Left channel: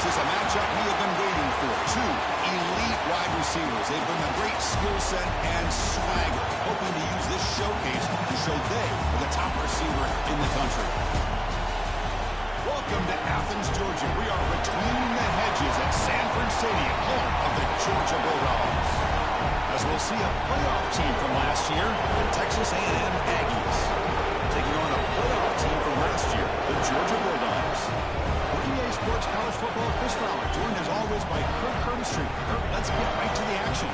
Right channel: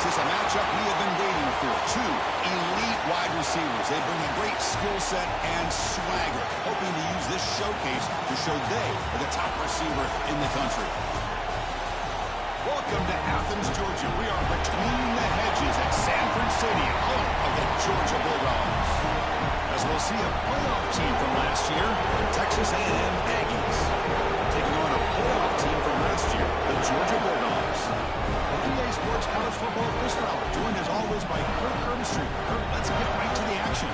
This is a matchup we have been waiting for. Two elite wide receivers. They bring a great skill set and swagger, hoping to use this showcase to show they are the top receiver in the country. Welcome to Athens, Georgia. We are between the hedges at Sanford Stadium, home of the Georgia Bulldogs. As we'll see a playoff team from last year, the Texas A&M Aggies, taking on a playoff team from last year, the Georgia Bulldogs. OTA Sports College Football Chris Fowler, joined as always by Kirk Herbstreit. Kirk, let's get right to the action.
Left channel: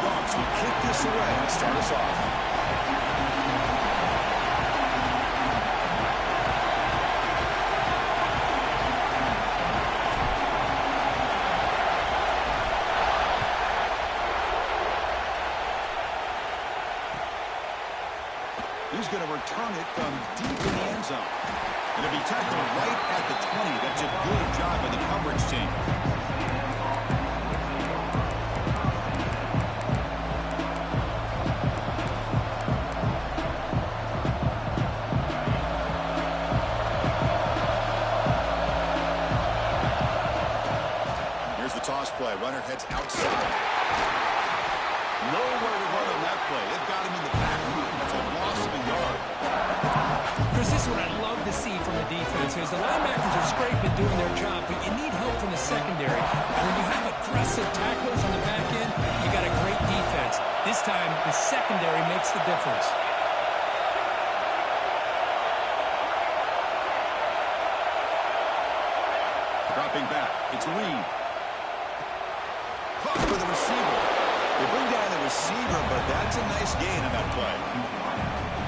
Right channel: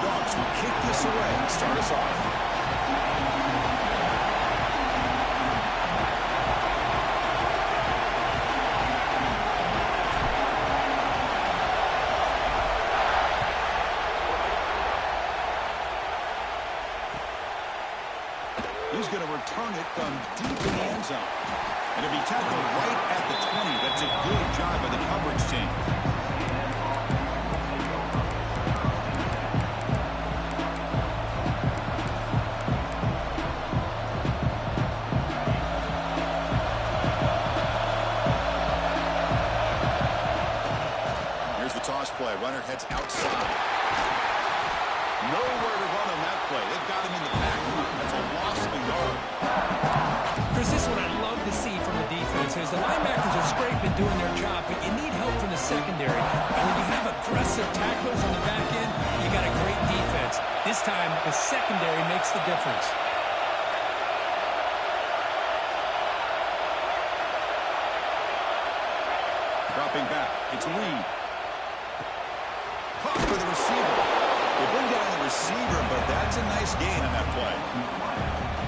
Dogs will kick this away and start us off. He's going to return it from deep in the end zone. And it'll be tackled right at the 20. That's a good job by the coverage team. Here's the toss play. Runner heads outside. Nowhere to run on that play. They've got him in the back front. That's a loss of a yard. Chris, this is what I love to see from the defense is the linebackers are scraping, doing their job, but you need help from the secondary. And when you have aggressive tacklers on the back end, you got a great defense. This time, the secondary makes the difference. Dropping back. It's Reed. Caught for the receiver. They bring down the receiver, but that's a nice gain on that play.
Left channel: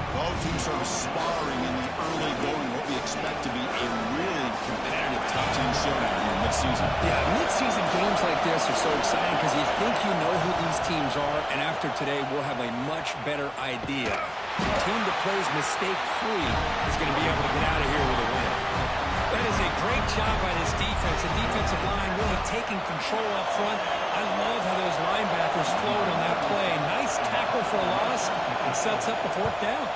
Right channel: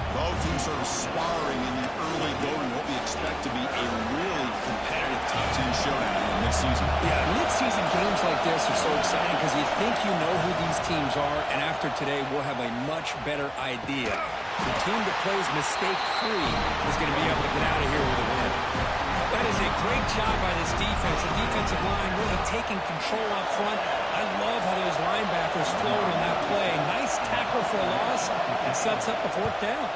Both teams sort of sparring in the early going, what we expect to be a really competitive top 10 showdown in midseason. Yeah, midseason games like this are so exciting because you think you know who these teams are, and after today, we'll have a much better idea. The team that plays mistake-free is going to be able to get out of here with a win. That is a great job by this defense. The defensive line really taking control up front. I love how those linebackers flowed on that play. Nice tackle for a loss and sets up a fourth down.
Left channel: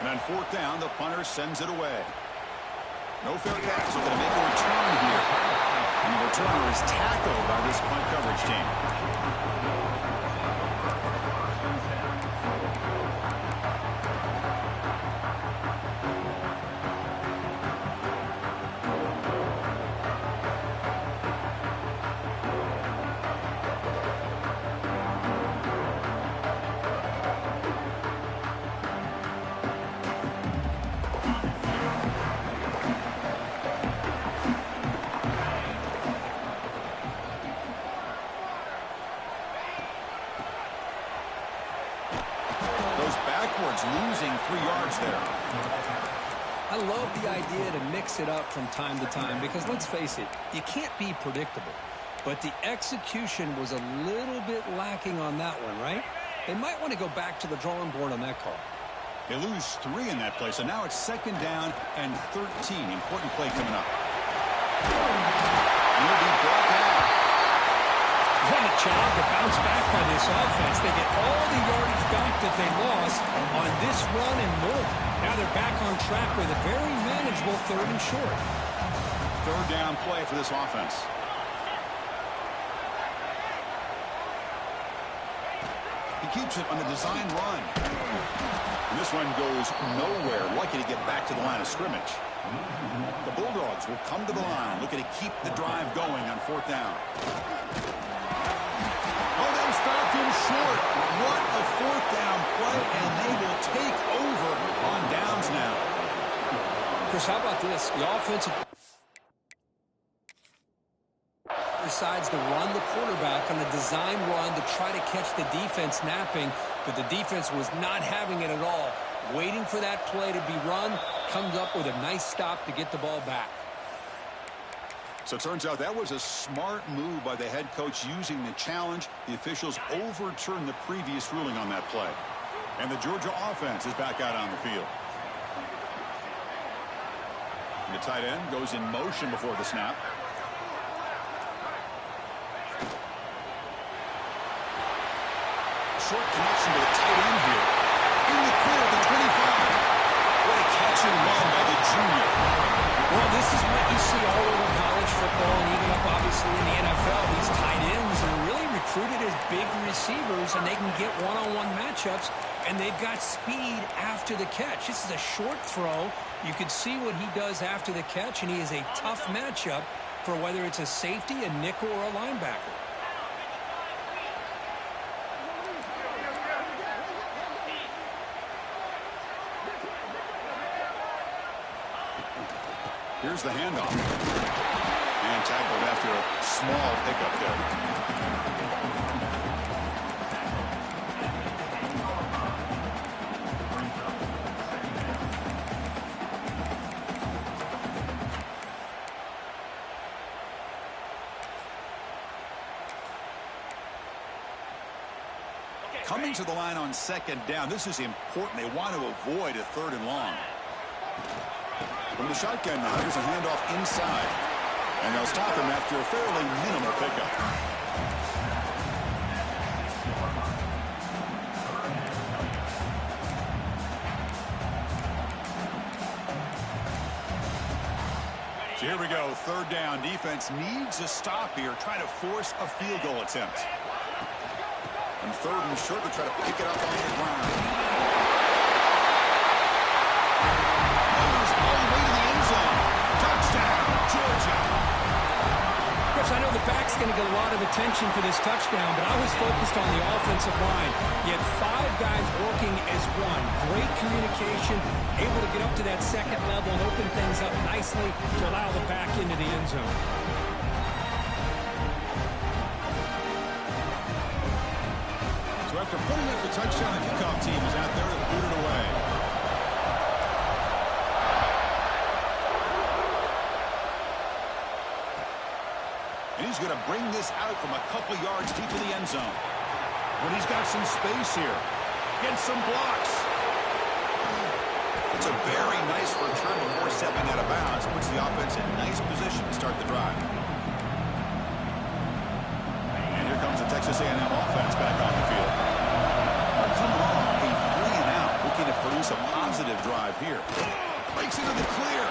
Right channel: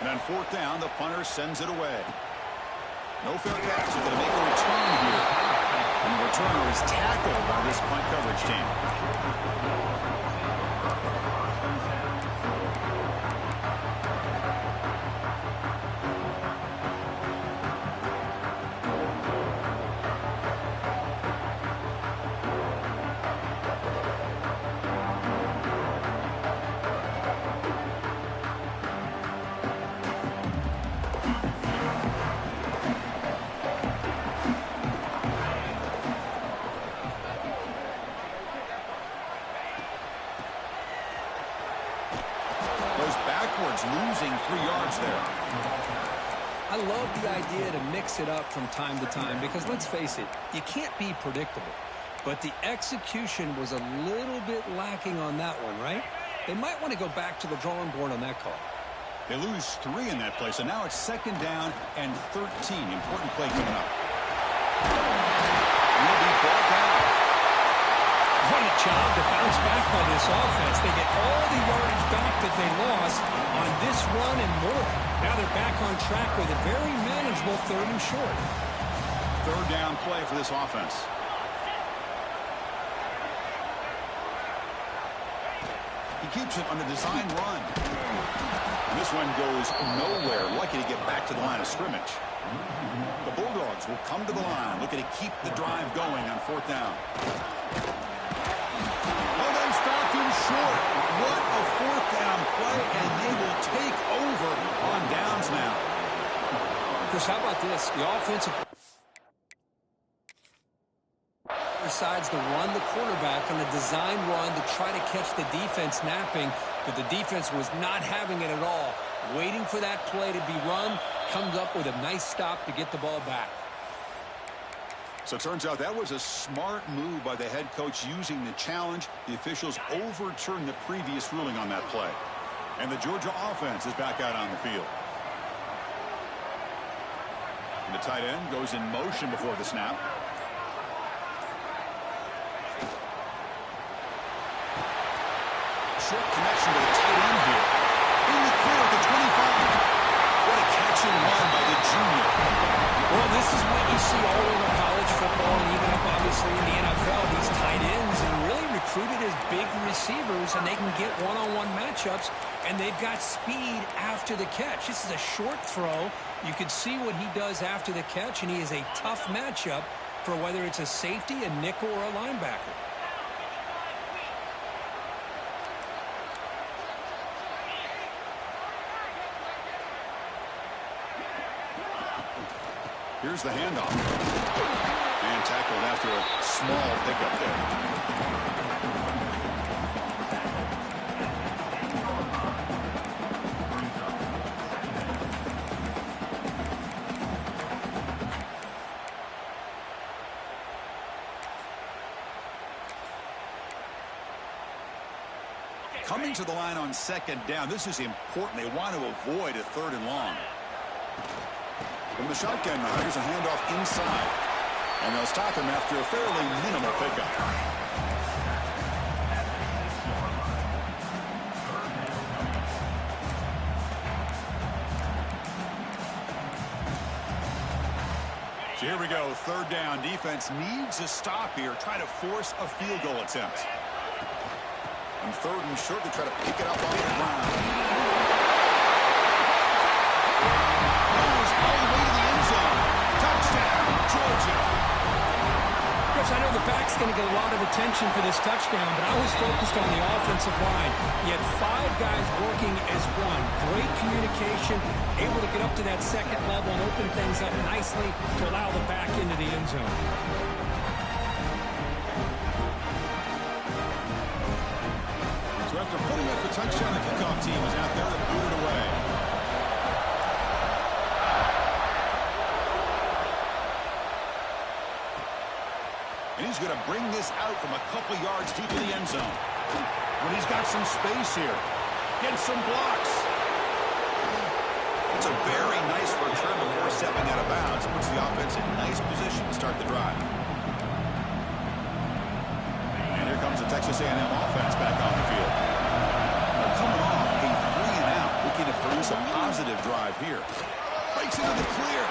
And on fourth down, the punter sends it away. No fair catch. They're going to make a return here. And the returner is tackled by this punt coverage team. Backwards, losing 3 yards there. I love the idea to mix it up from time to time because let's face it, you can't be predictable. But the execution was a little bit lacking on that one, right? They might want to go back to the drawing board on that call. They lose 3 in that play, so now it's second down and 13. Important play coming up. Will be brought down. What a job to bounce back by this offense. They get all the yardage back that they lost on this run and more. Now they're back on track with a very manageable 3rd and short. Third down play for this offense. He keeps it on the design run. And this one goes nowhere. Lucky to get back to the line of scrimmage. The Bulldogs will come to the line, looking to keep the drive going on fourth down. Oh, they stopped him short. What a fourth down play, and they will take over on downs now. Chris, how about this? The offensive decides to run the quarterback on a design run to try to catch the defense napping, but the defense was not having it at all. Waiting for that play to be run, comes up with a nice stop to get the ball back. So it turns out that was a smart move by the head coach using the challenge. The officials overturned the previous ruling on that play. And the Georgia offense is back out on the field. The tight end goes in motion before the snap. Short connection to the tight end here. In the clear at the 25. What a catch and run by the junior. Well, this is what you see all over college football and even up, obviously, in the NFL. These tight ends are really recruited as big receivers, and they can get one-on-one matchups, and they've got speed after the catch. This is a short throw. You can see what he does after the catch, and he is a tough matchup for whether it's a safety, a nickel, or a linebacker. Here's the handoff. And tackled after a small pickup there. Coming to the line on second down. This is important. They want to avoid a 3rd and long. From the shotgun now, here's a handoff inside. And they'll stop him after a fairly minimal pickup. So here we go, 3rd down. Defense needs a stop here, trying to force a field goal attempt. On 3rd and short, they try to pick it up on the ground. All the way to the end zone. Touchdown, Georgia. Chris, I know the back's going to get a lot of attention for this touchdown, but I was focused on the offensive line. You had 5 guys working as one. Great communication, able to get up to that second level and open things up nicely to allow the back into the end zone. So after putting up the touchdown, the kickoff team is out there to boot it away. And he's going to bring this out from a couple yards deep in the end zone. When he's got some space here. Gets some blocks. It's a very nice return before stepping out of bounds. Puts the offense in nice position to start the drive. And here comes the Texas A&M offense back on the field. They're coming off a 3 and out. Looking to produce a positive drive here. Breaks into the clear.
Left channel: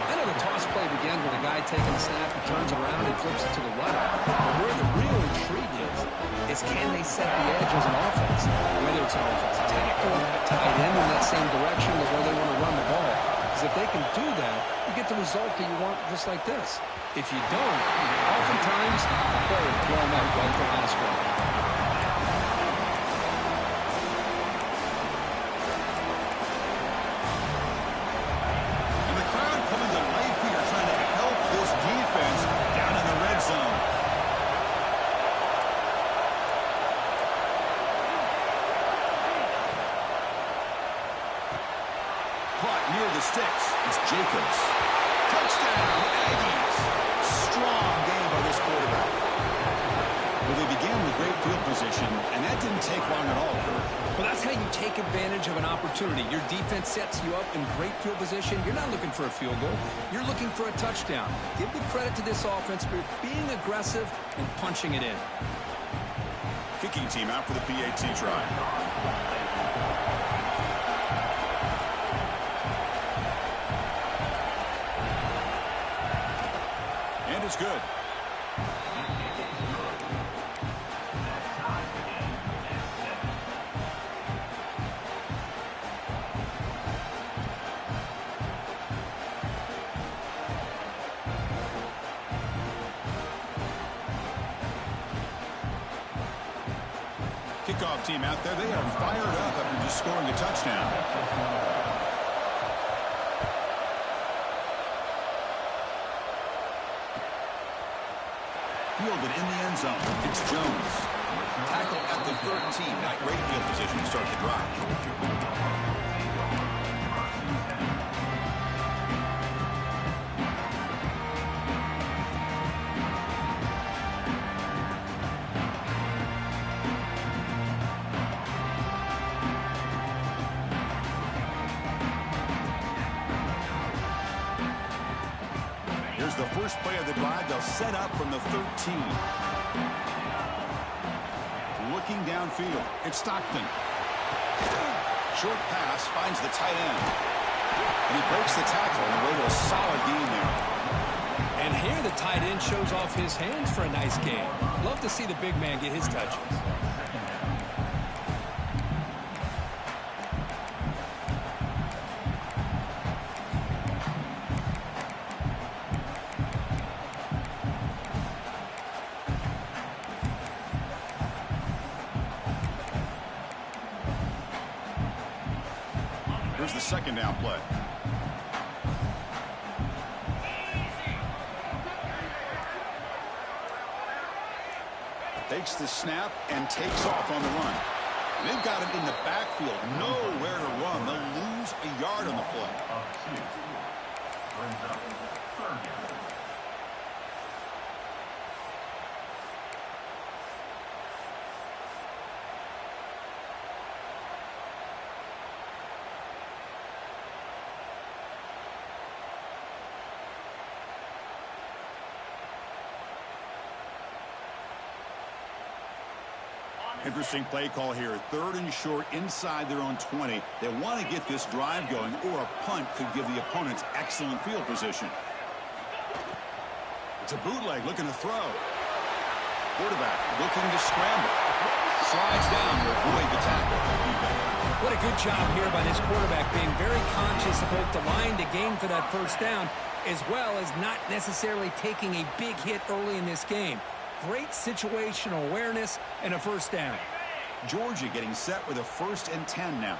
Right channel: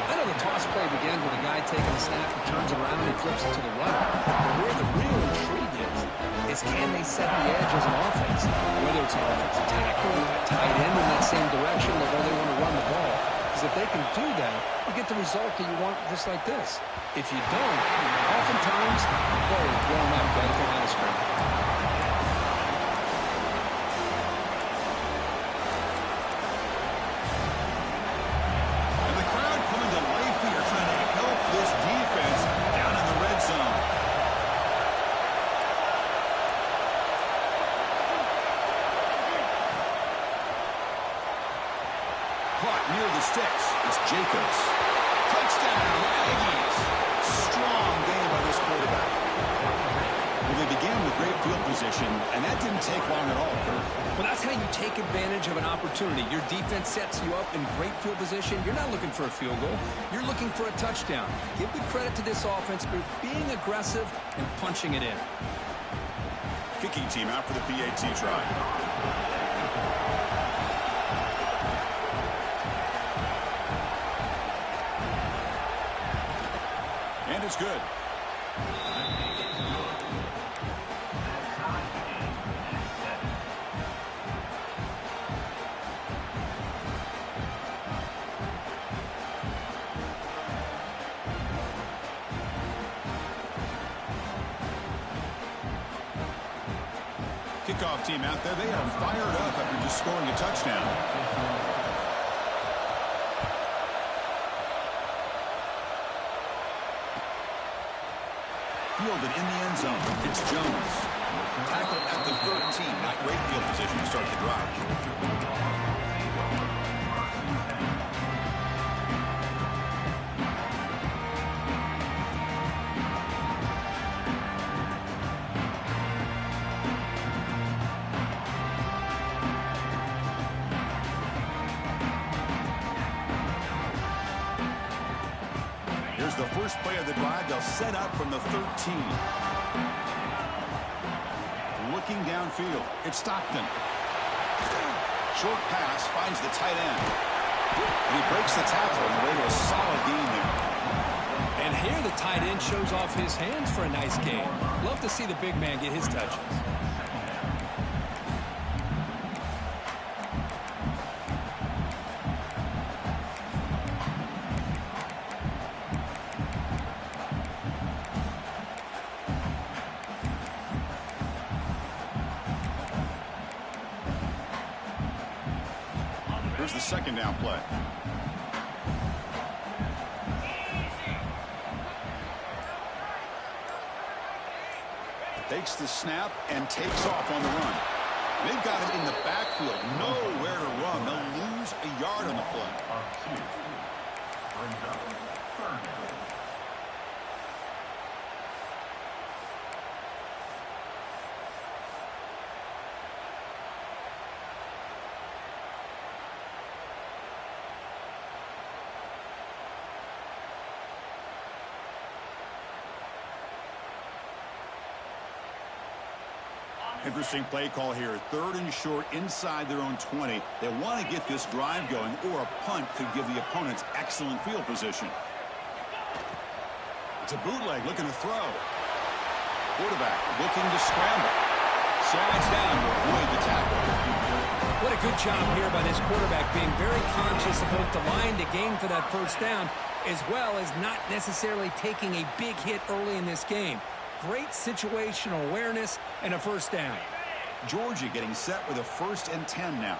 I know the toss play begins with a guy taking a snap, he turns around and flips it to the runner. But where the real intrigue is can they set the edge as an offense? Whether it's an offensive tackle, a tight end in that same direction, or where they want to run the ball. Because if they can do that, you get the result that you want just like this. If you don't, oftentimes the play is blown up right at the line of scrimmage. Defense down in the red zone. Caught near the sticks. It's Jacobs. Touchdown, Aggies. Strong game by this quarterback. Well, they began with great field position, and that didn't take long at all, Kurt. Well, that's how you take advantage of an opportunity. Your defense sets you up in great field position. You're not looking for a field goal. You're looking for a touchdown. Give the credit to this offense for being aggressive and punching it in. Kicking team out for the PAT try. And it's good. Kickoff team out there. They are fired up after just scoring a touchdown. Fielded in the end zone. It's Jones. Tackled at the 13. Not great field position to start the drive. the first play of the drive. They'll set up from the 13. Looking downfield, it's Stockton. Short pass finds the tight end. And he breaks the tackle on the way to a solid gain there. And here the tight end shows off his hands for a nice gain. Love to see the big man get his touches. Here's the second down play. Takes the snap and takes off on the run. They've got him in the backfield. Nowhere to run. They'll lose a yard on the play. Brings up third down. Interesting play call here. Third and short inside their own 20. They want to get this drive going, or a punt could give the opponents excellent field position. It's a bootleg looking to throw. Quarterback looking to scramble. Slides down to avoid the tackle. What a good job here by this quarterback, being very conscious of both the line to gain for that first down, as well as not necessarily taking a big hit early in this game. Great situational awareness and a first down. Georgia getting set with a 1st and 10 now.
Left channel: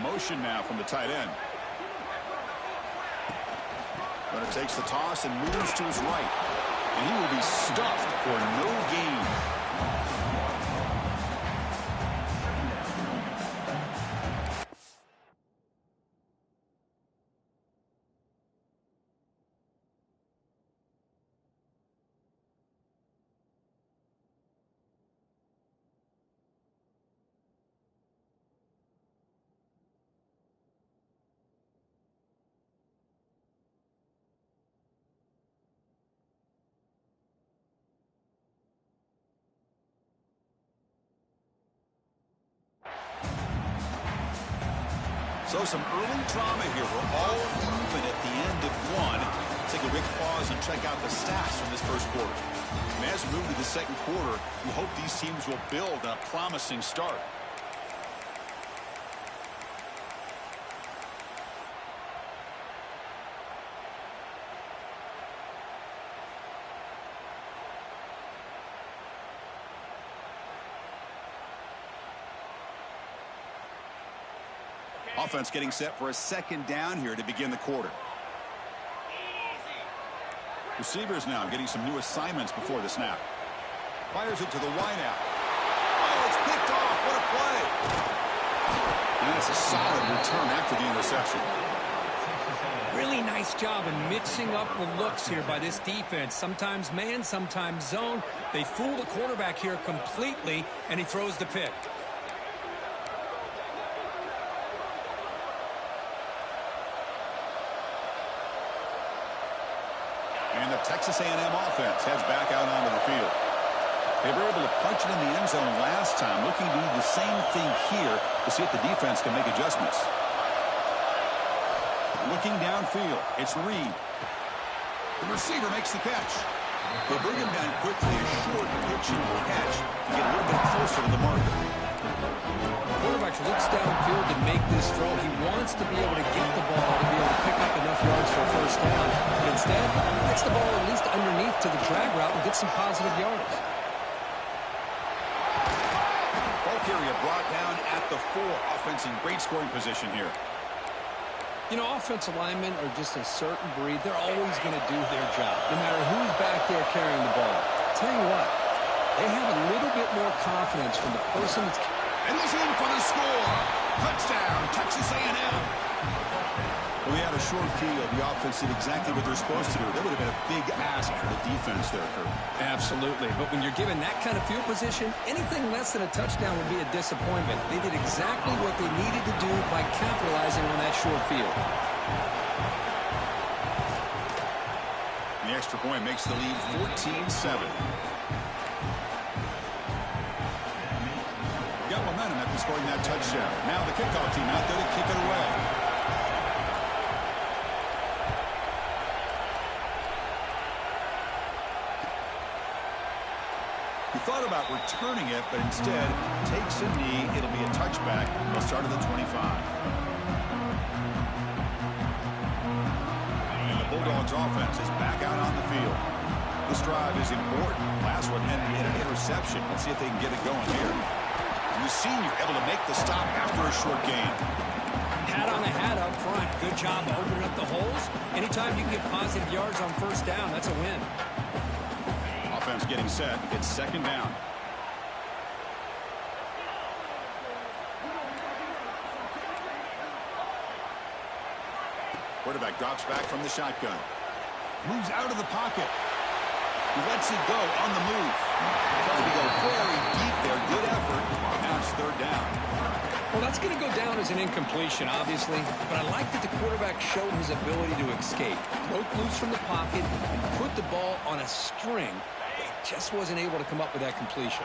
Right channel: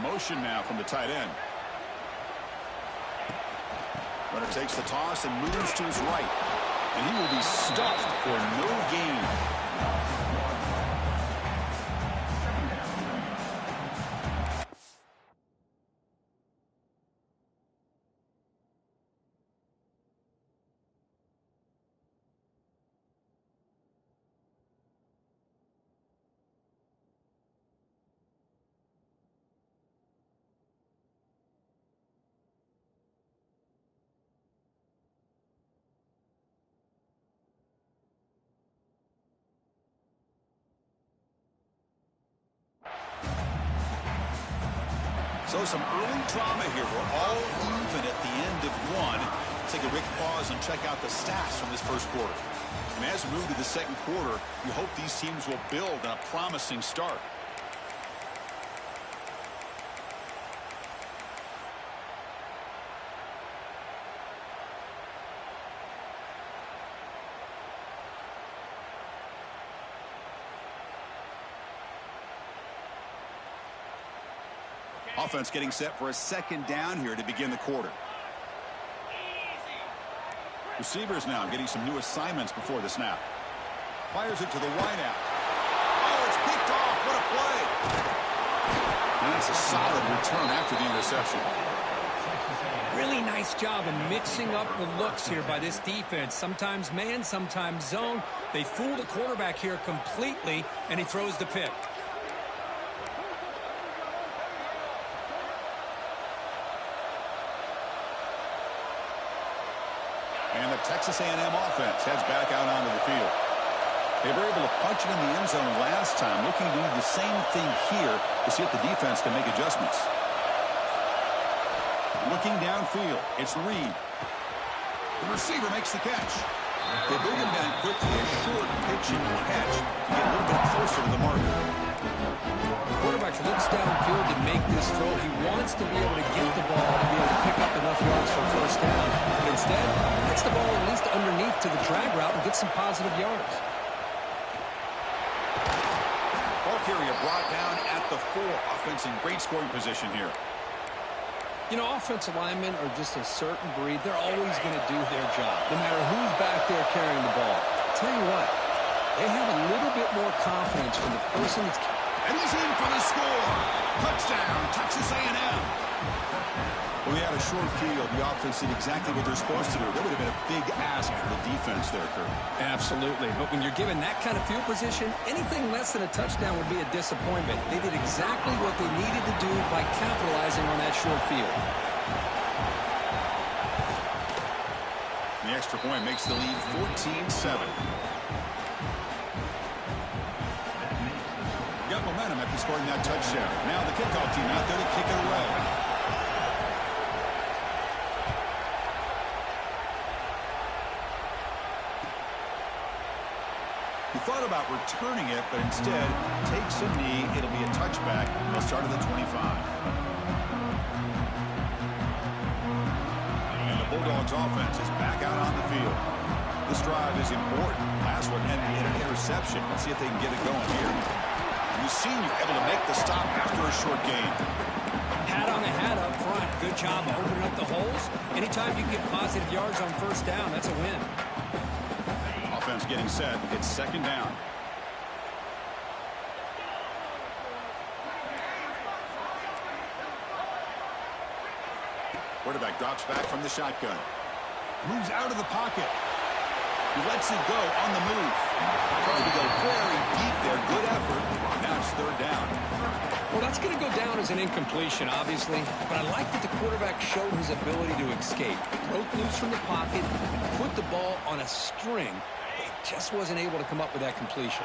Motion now from the tight end. Runner takes the toss and moves to his right. And he will be stuffed for no gain. So some early drama here. We're all even at the end of one. Take a quick pause and check out the stats from this first quarter. And as we move to the second quarter, we hope these teams will build on a promising start. Offense getting set for a second down here to begin the quarter. Receivers now getting some new assignments before the snap. Fires it to the wideout. Oh, it's picked off. What a play. And that's a solid return after the interception. Really nice job of mixing up the looks here by this defense. Sometimes man, sometimes zone. They fool the quarterback here completely, and he throws the pick. And the Texas A&M offense heads back out onto the field. They were able to punch it in the end zone last time, looking to do the same thing here to see if the defense can make adjustments. Looking downfield, it's Reed. The receiver makes the catch. They bring him down quickly, a short pitch and catch to get a little bit closer to the marker. The quarterback looks downfield to make this throw. He wants to be able to get the ball to be able to pick up enough yards for a first down. But instead, gets the ball at least underneath to the drag route and gets some positive yards. Ball carrier brought down at the 4. Offense in great scoring position here. You know, offensive linemen are just a certain breed. They're always going to do their job, no matter who's back there carrying the ball. Tell you what, they have a little bit more confidence from the person that's... And he's in for the score. Touchdown, Texas A&M. Well, we had a short field. The offense did exactly what they're supposed to do. That would have been a big ask for the defense there, Kurt. Absolutely. But when you're given that kind of field position, anything less than a touchdown would be a disappointment. They did exactly what they needed to do by capitalizing on that short field. extra point makes the lead 14-7. Got momentum after scoring that touchdown. Now the kickoff team out there to kick it away. He thought about returning it, but instead takes a knee. It'll be a touchback. They'll start at the 25. And the Bulldogs offense is back out on the field. This drive is important. Last one ended in an interception. Let's see if they can get it going here. The senior able to make the stop after a short gain. Hat on a hat up front. Good job opening up the holes. Anytime you can get positive yards on first down, that's a win. Offense getting set. It's second down. Quarterback drops back from the shotgun. Moves out of the pocket. He lets it go on the move. Trying to go very deep there. Good effort. Now it's third down. Well, that's going to go down as an incompletion, obviously. But I like that the quarterback showed his ability to escape. Broke loose from the pocket and put the ball on a string. But he just wasn't able to come up with that completion.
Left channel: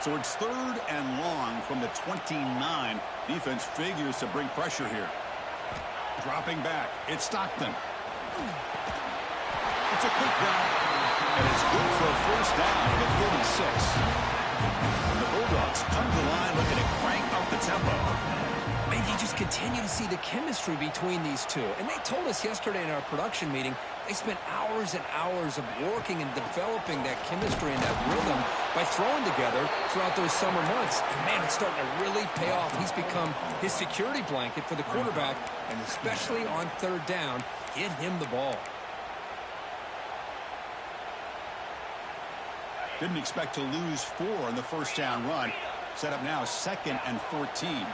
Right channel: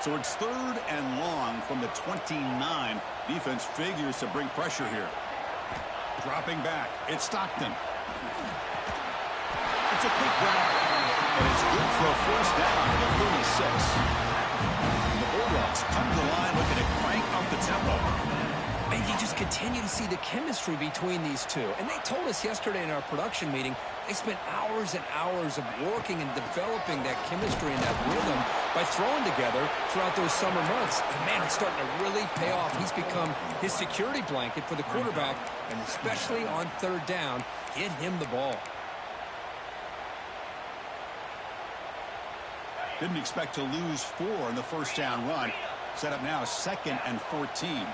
So it's third and long from the 29. Defense figures to bring pressure here. Dropping back. It's Stockton. It's a quick grab. And it's good for a first down at the 36. And the Bulldogs come to the line looking to crank up the tempo. And you just continue to see the chemistry between these two. And they told us yesterday in our production meeting, they spent hours and hours of working and developing that chemistry and that rhythm by throwing together throughout those summer months. And, man, it's starting to really pay off. He's become his security blanket for the quarterback, and especially on third down, get him the ball. Didn't expect to lose 4 on the first down run. Set up now, 2nd and 14.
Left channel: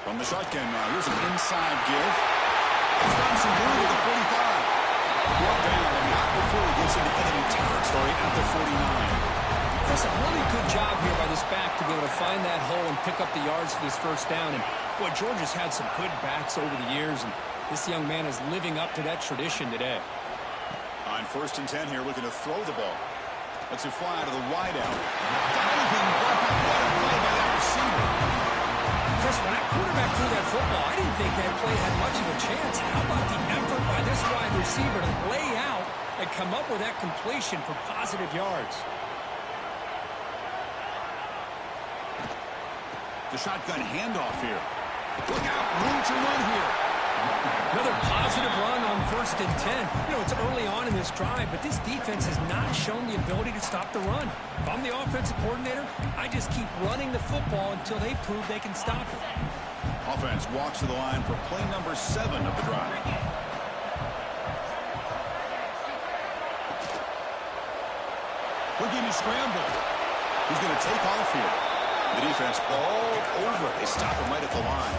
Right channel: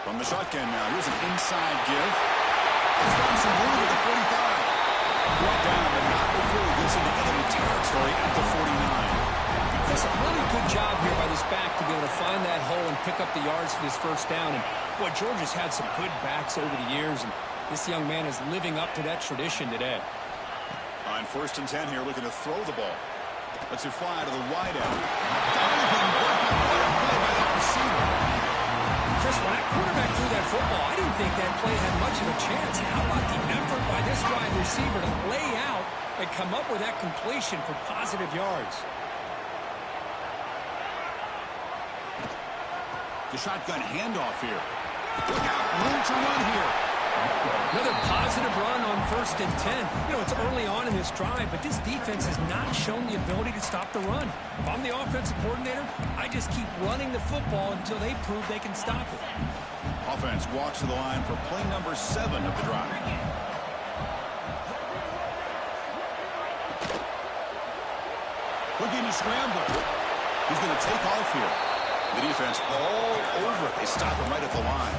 From the shotgun now, here's an inside give. It's found some room at the 45. Brought down, but not before he gets into enemy territory at the 49. Chris, a really good job here by this back to be able to find that hole and pick up the yards for this first down. And, boy, Georgia's had some good backs over the years, and this young man is living up to that tradition today. On 1st and 10 here, looking to throw the ball. Lets it fly to the wideout. Diving grab. What a play by that receiver. Chris, when that quarterback threw that football, I didn't think that play had much of a chance. How about the effort by this wide receiver to lay out and come up with that completion for positive yards? The shotgun handoff here. Look out, room to run here. Another positive run on 1st and 10. You know, it's early on in this drive, but this defense has not shown the ability to stop the run. If I'm the offensive coordinator, I just keep running the football until they prove they can stop it. Offense walks to the line for play number 7 of the drive. Looking to scramble. He's going to take off here. The defense all over it. They stop him right at the line.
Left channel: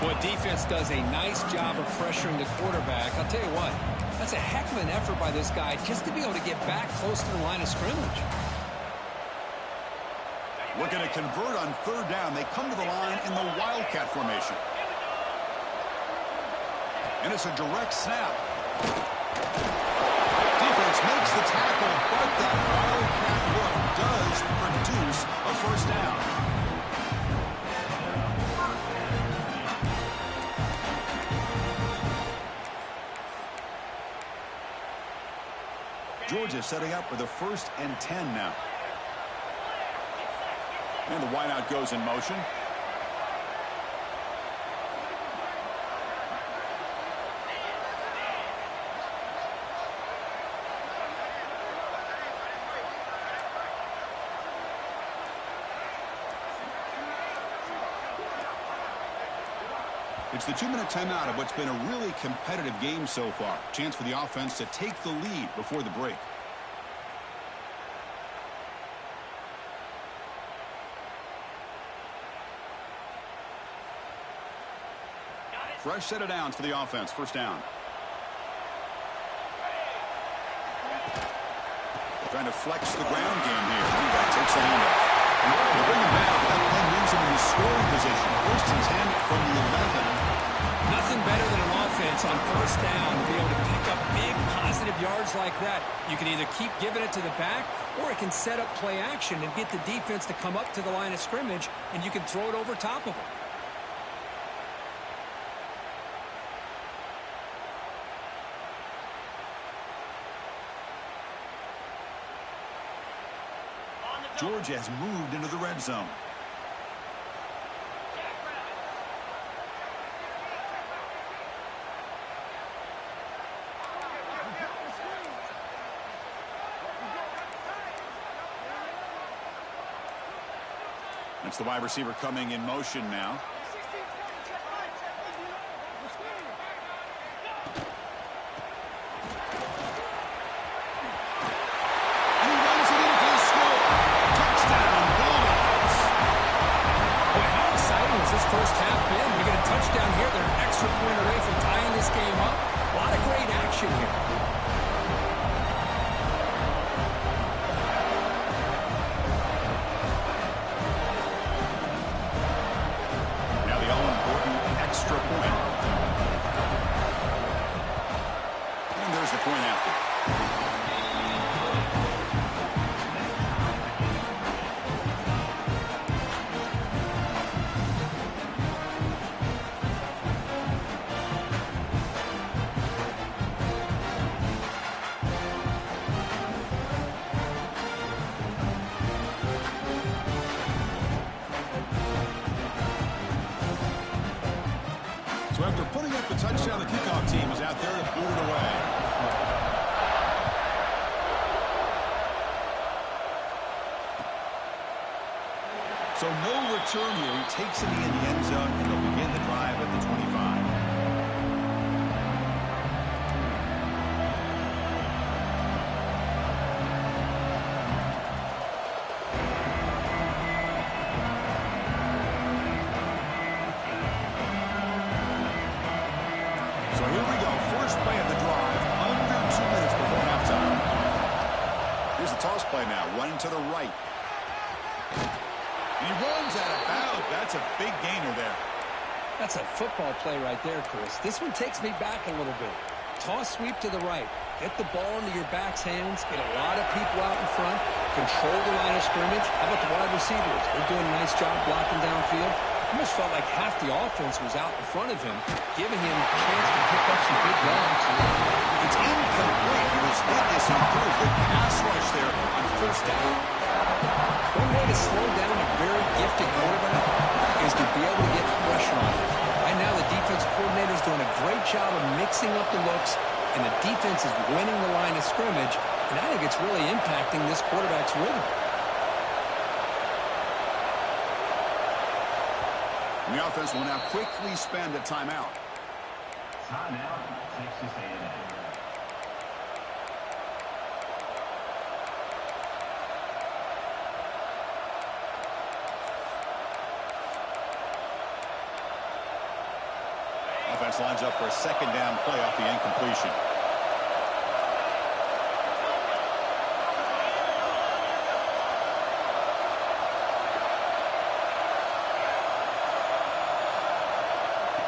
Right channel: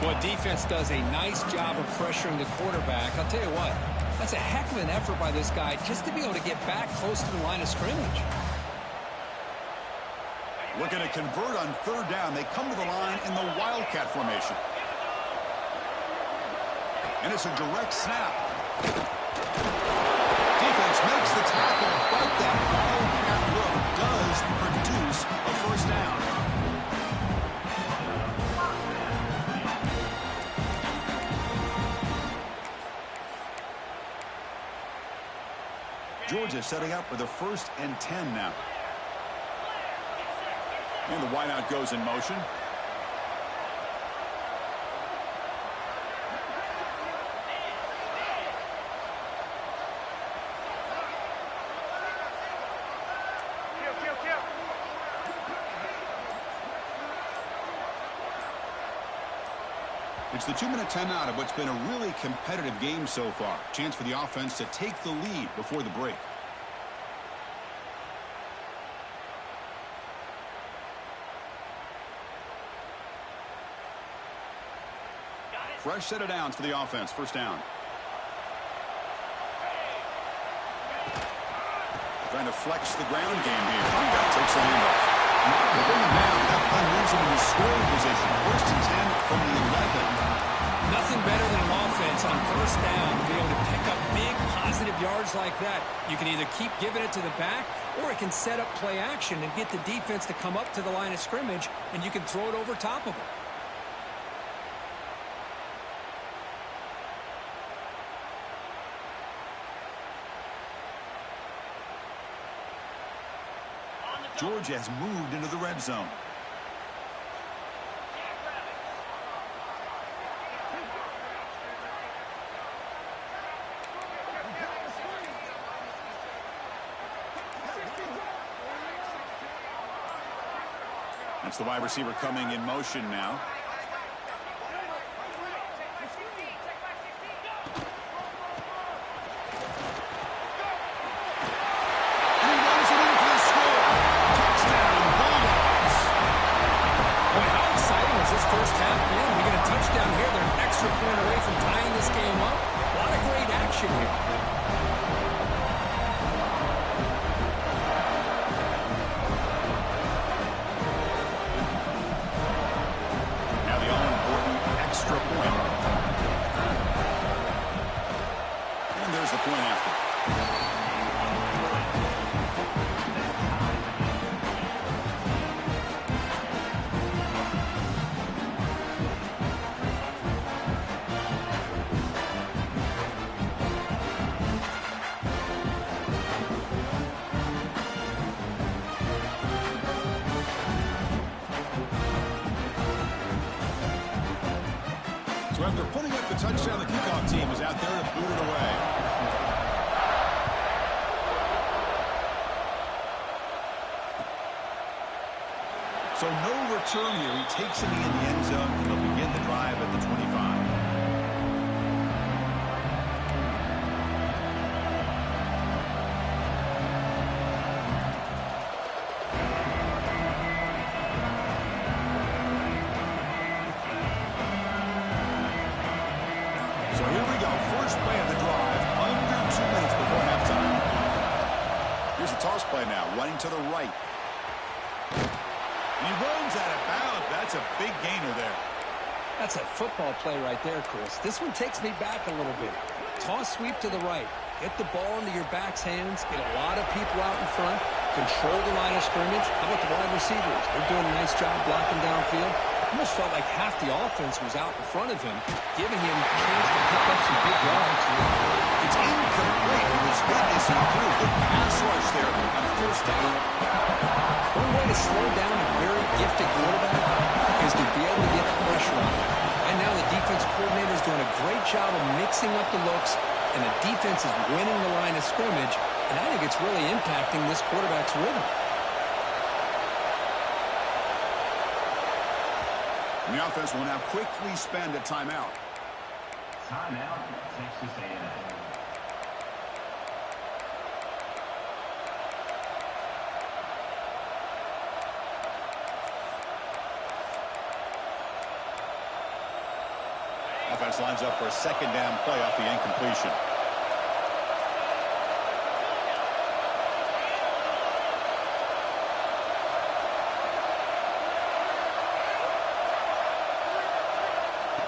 Well, defense does a nice job of pressuring the quarterback. I'll tell you what, that's a heck of an effort by this guy just to be able to get back close to the line of scrimmage. Looking to convert on third down. They come to the line in the Wildcat formation. And it's a direct snap. Defense makes the tackle, but that Wildcat look does produce a first down. Georgia setting up with a 1st and 10 now. And the wideout goes in motion. It's the 2-minute timeout of what's been a really competitive game so far. Chance for the offense to take the lead before the break. Fresh set of downs for the offense. First down. Trying to flex the ground game here. Running back takes the handoff. We'll bring him down. That play moves him into scoring position. 1st and 10 from the 11. Nothing better than an offense on first down to be able to pick up big positive yards like that. You can either keep giving it to the back, or it can set up play action and get the defense to come up to the line of scrimmage, and you can throw it over top of them. Georgia has moved into the red zone. That's the wide receiver coming in motion now. And he runs it in for the score. Touchdown, Bulldogs. Boy, how exciting has this first half been? We get a touchdown here. They're an extra point away from tying this game up. A lot of great action here. Extra point. And there's the point after. So after putting up the touchdown, the kickoff team is out there to boot it away. So no return here. He takes it in the end zone, and they'll begin the drive at the 25. So here we go. First play of the drive, under 2 minutes before halftime. Here's the toss play now, running to the right. And he runs out of bounds. That's a big gainer there. That's a football play right there, Chris. This one takes me back a little bit. Toss sweep to the right. Get the ball into your back's hands. Get a lot of people out in front. Control the line of scrimmage. How about the wide receivers? They're doing a nice job blocking downfield. Almost felt like half the offense was out in front of him, giving him a chance to pick up some big yards. It's incomplete. He was hit as he threw. Good pass rush there on first down. One way to slow down a very gifted quarterback is to be able to get pressure on him. Right now, the defense coordinator is doing a great job of mixing up the looks, and the defense is winning the line of scrimmage, and I think it's really impacting this quarterback's rhythm. The offense will now quickly spend a timeout. Timeout, Texas A&M. Offense lines up for a second down play off the incompletion.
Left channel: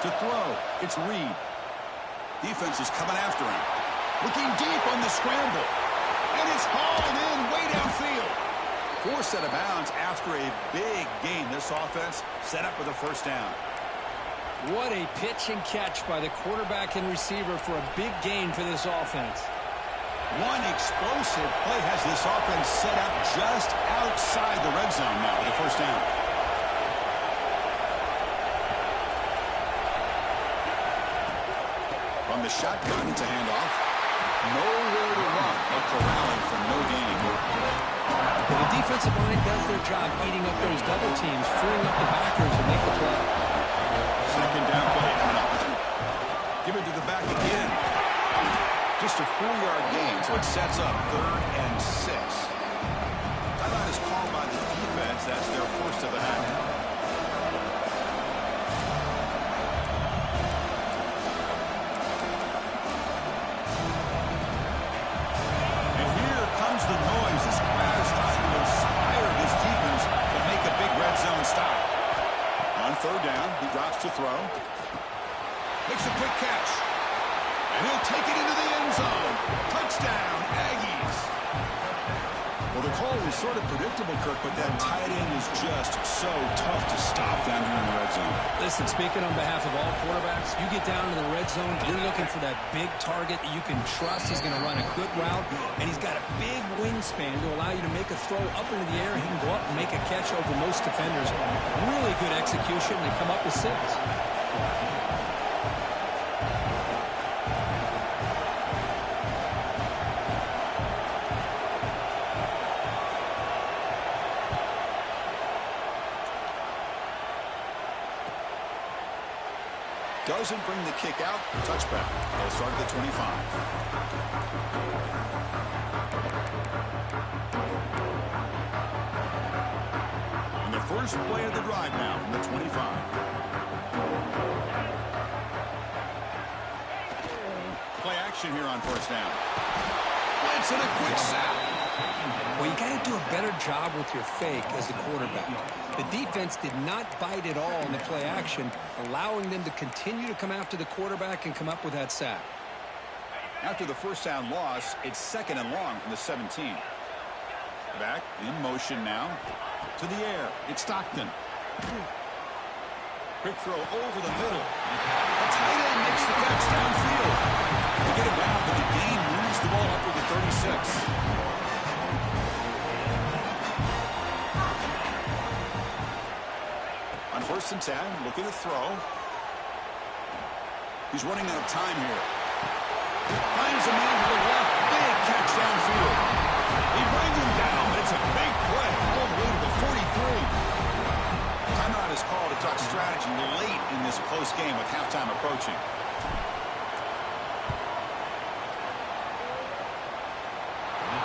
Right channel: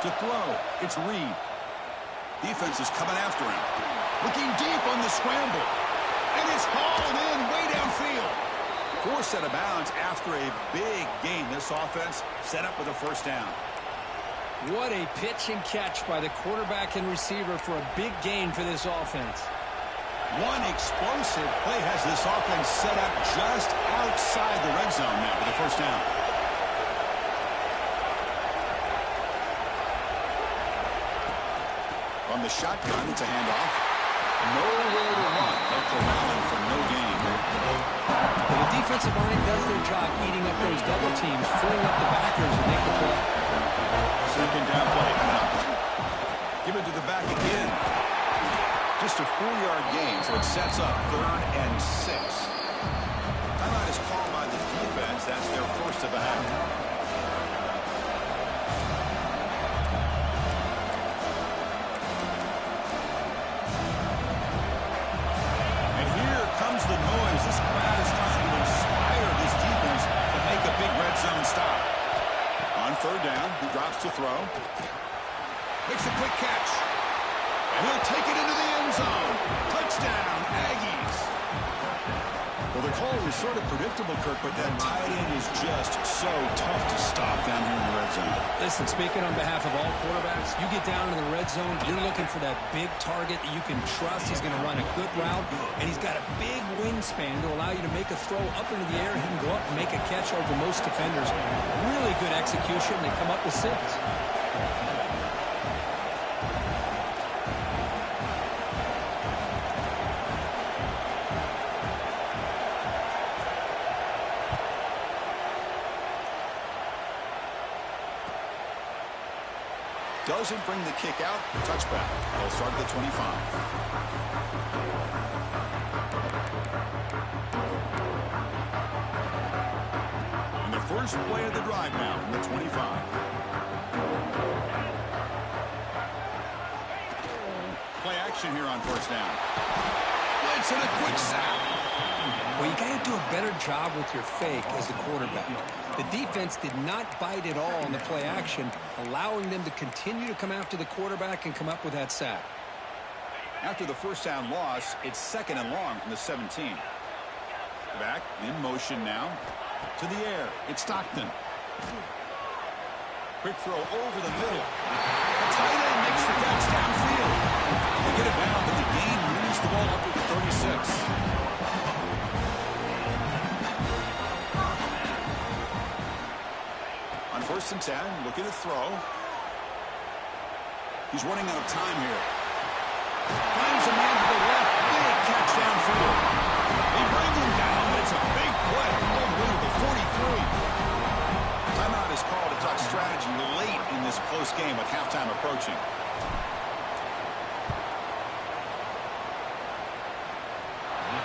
To throw, it's Reed. Defense is coming after him. Looking deep on the scramble. And it's hauled in way downfield. Forced out of bounds after a big gain. This offense set up with a first down. What a pitch and catch by the quarterback and receiver for a big gain for this offense. One explosive play has this offense set up just outside the red zone now with a first down. From the shotgun, it's a handoff. Nowhere to run. They're corralling for no gain. Well, the defensive line does their job eating up those double teams, freeing up the backers to make the play. Second down play coming up. Give it to the back again. Just a 4-yard gain, so it sets up 3rd and 6. Timeout is called by the defense. That's their first of the half. Comes the noise. This crowd is trying to inspire this defense to make a big red zone stop. On 3rd down, he drops to throw. Makes a quick catch. And he'll take it into the end zone. Touchdown, Aggies. Well, the call was sort of predictable, Kirk, but that tight end is just so tough to stop down here in the red zone. Listen, speaking on behalf of all quarterbacks, you get down to the red zone, you're looking for that big target that you can trust. He's going to run a good route, and he's got a big wingspan to allow you to make a throw up into the air. He can go up and make a catch over most defenders. Really good execution. They come up with 6. Doesn't bring the kick out. Touchback. They'll start at the 25. And the first play of the drive now from the 25. Play action here on first down. Blitz and a quick sack. Well, you got to do a better job with your fake as the quarterback. The defense did not bite at all in the play action, allowing them to continue to come after the quarterback and come up with that sack. After the first down loss, it's 2nd and long from the 17. Back in motion now. To the air. It's Stockton. Quick throw over the middle. The tight end makes the catch downfield. They get it down, but the gain moves the ball up to the 36. On 1st and 10, looking to throw. He's running out of time here. Finds a man to the left. Big catch downfield. He brings him down, but it's a big play. All the way to the 43. Timeout is called to talk strategy late in this close game with halftime approaching.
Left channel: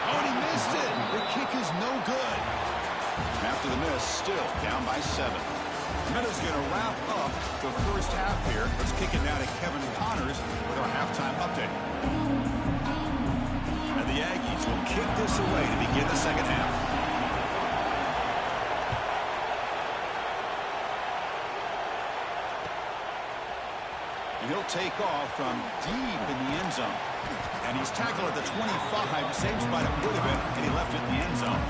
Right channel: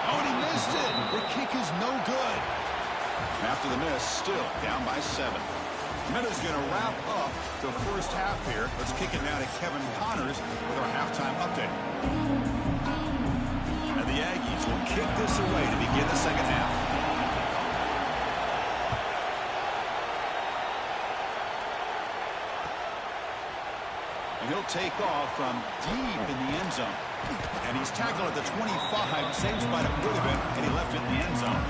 Oh, and he missed it. The kick is no good. After the miss, still down by 7. Minuta's going to wrap up the first half here. Let's kick it now to Kevin Connors with our halftime update. And the Aggies will kick this away to begin the second half. And he'll take off from deep in the end zone. And he's tackled at the 25. Same spot it would have been, and he left it in the end zone.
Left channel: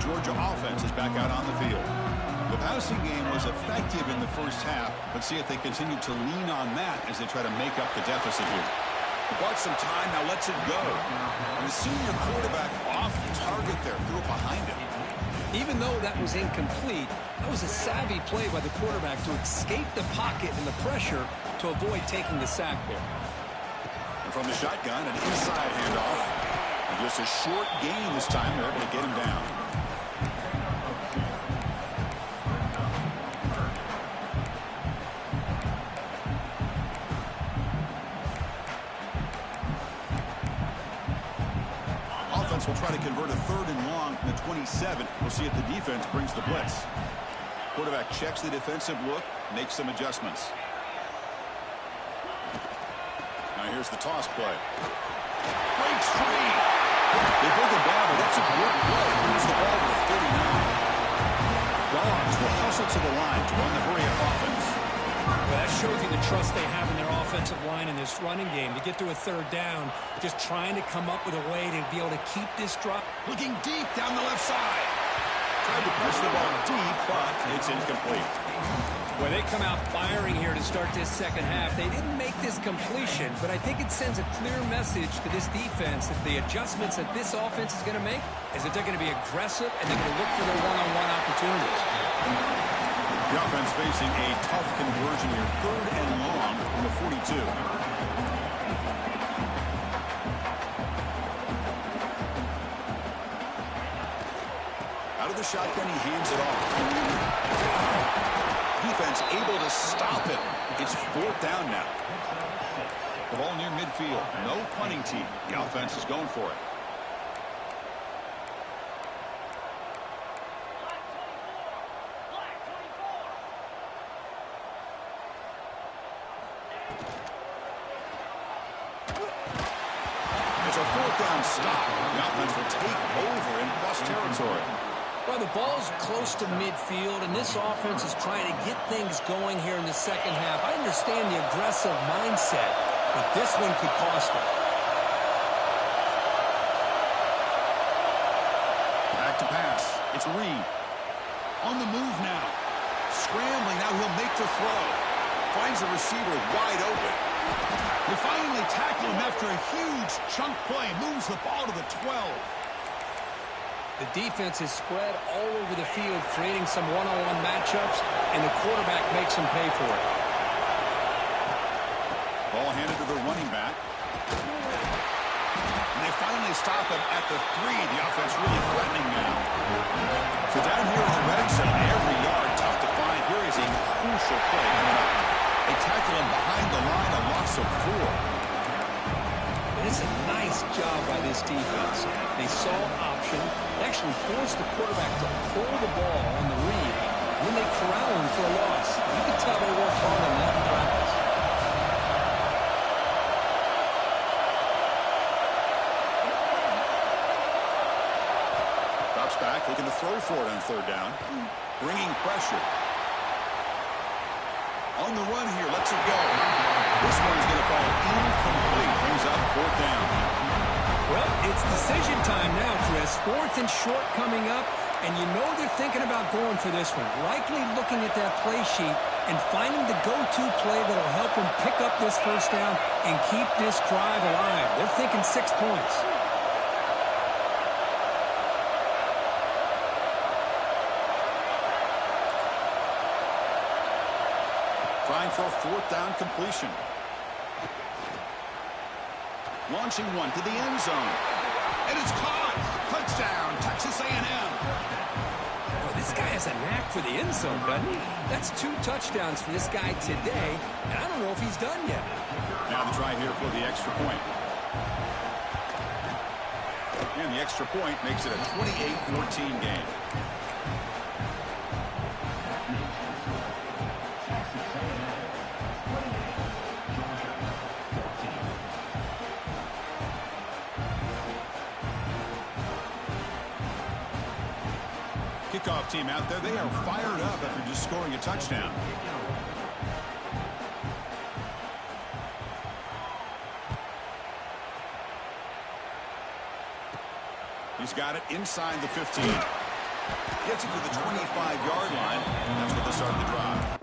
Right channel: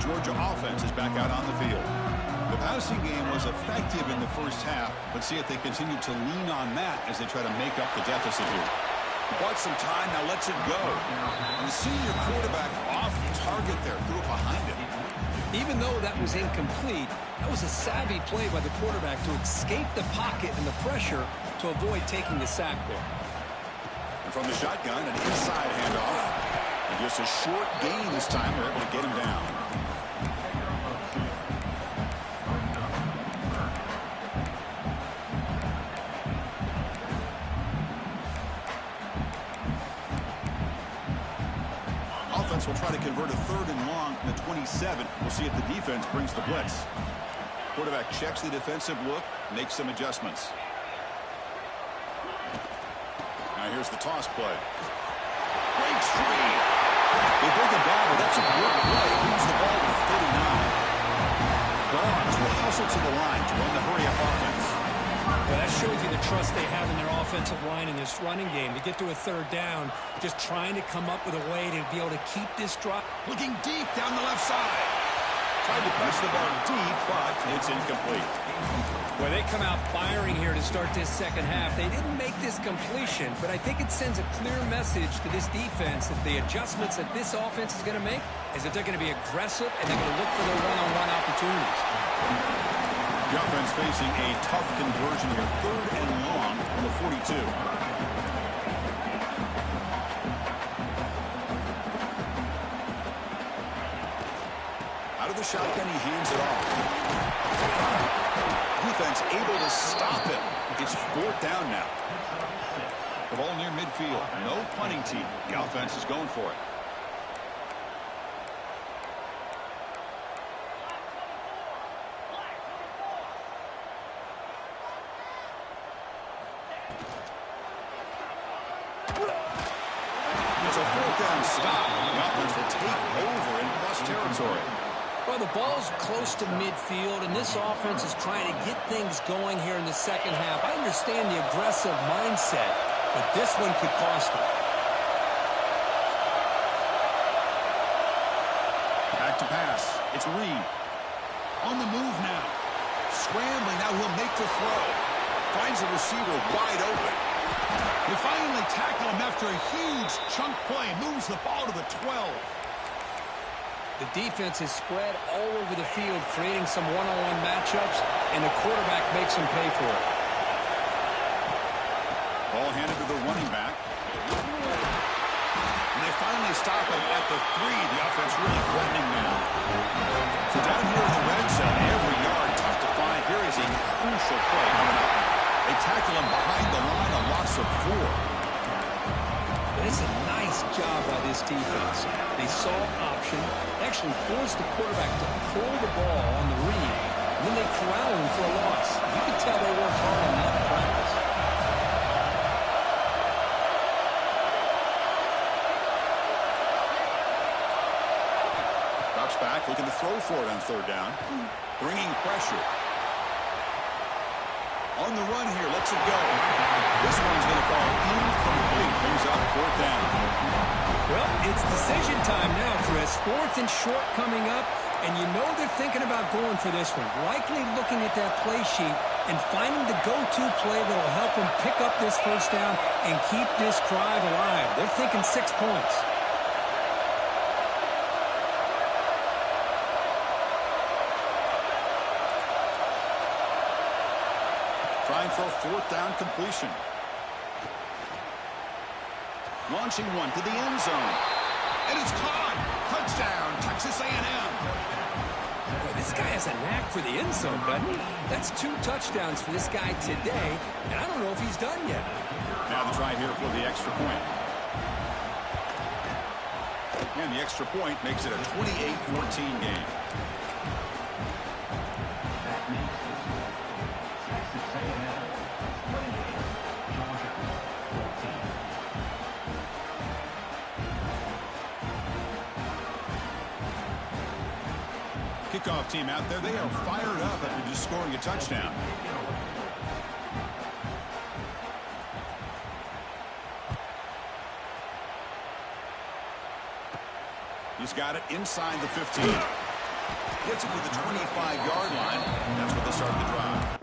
Georgia offense is back out on the field. The passing game was effective in the first half. Let's see if they continue to lean on that as they try to make up the deficit here. Bought some time, now lets it go. And the senior quarterback off target there, threw it behind him. Even though that was incomplete, that was a savvy play by the quarterback to escape the pocket and the pressure to avoid taking the sack there. And from the shotgun, an inside handoff. And just a short gain this time, they're able to get him down. Will try to convert a 3rd and long from the 27. We'll see if the defense brings the blitz. Quarterback checks the defensive look, makes some adjustments. Now here's the toss play. Breaks free. They break it down, but that's a good play. Leaves the ball with a 39. Dogs will hustle to the line to run the hurry-up offense. Well, that shows you the trust they have in their offensive line in this running game. To get to a 3rd down, just trying to come up with a way to be able to keep this drop. Looking deep down the left side. Tried to press the ball deep, but it's incomplete. Well, they come out firing here to start this second half. They didn't make this completion, but I think it sends a clear message to this defense that the adjustments that this offense is going to make is that they're going to be aggressive and they're going to look for their one-on-one opportunities. The offense facing a tough conversion here. 3rd and long from the 42. Out of the shotgun, he hands it off. Defense able to stop it. It's 4th down now. The ball near midfield. No punting team. The offense is going for it. It's a fourth down stop. The offense will take over in plus territory. Well, the ball's close to midfield, and this offense is trying to get things going here in the second half. I understand the aggressive mindset, but this one could cost them. Back to pass. It's Reed. On the move now. Scrambling. Now he'll make the throw. Finds the receiver wide open. They finally tackle him after a huge chunk play. Moves the ball to the 12. The defense is spread all over the field, creating some one-on-one matchups, and the quarterback makes them pay for it. Ball handed to the running back. And they finally stop him at the 3. The offense really threatening now. So down here in the red zone, every yard tough to find. Here is a crucial play coming up. They tackle him behind the line, a loss of 4. It's a nice job by this defense. They saw option, actually forced the quarterback to pull the ball on the read, and then they corral him for a loss. You can tell they worked hard on that in practice. Drops back, looking to throw for it on third down. Bringing pressure. On the run here, lets it go. This one's going to fall incomplete. Brings up fourth down. Well, it's decision time now, Chris. Fourth and short coming up, and you know they're thinking about going for this one. Likely looking at that play sheet and finding the go-to play that'll help them pick up this first down and keep this drive alive. They're thinking 6 points. Trying for a fourth down completion. Launching one to the end zone. And it's caught. Touchdown, Texas A&M. Boy, this guy has a knack for the end zone, doesn't he? That's 2 touchdowns for this guy today, and I don't know if he's done yet. Now the try here for the extra point. And the extra point makes it a 28-14 game. Texas A&M 28, Georgia 14. Kickoff team out there. They are fired up after just scoring a touchdown. He's got it inside the 15. Gets it to the 25-yard line. That's where they start the drive.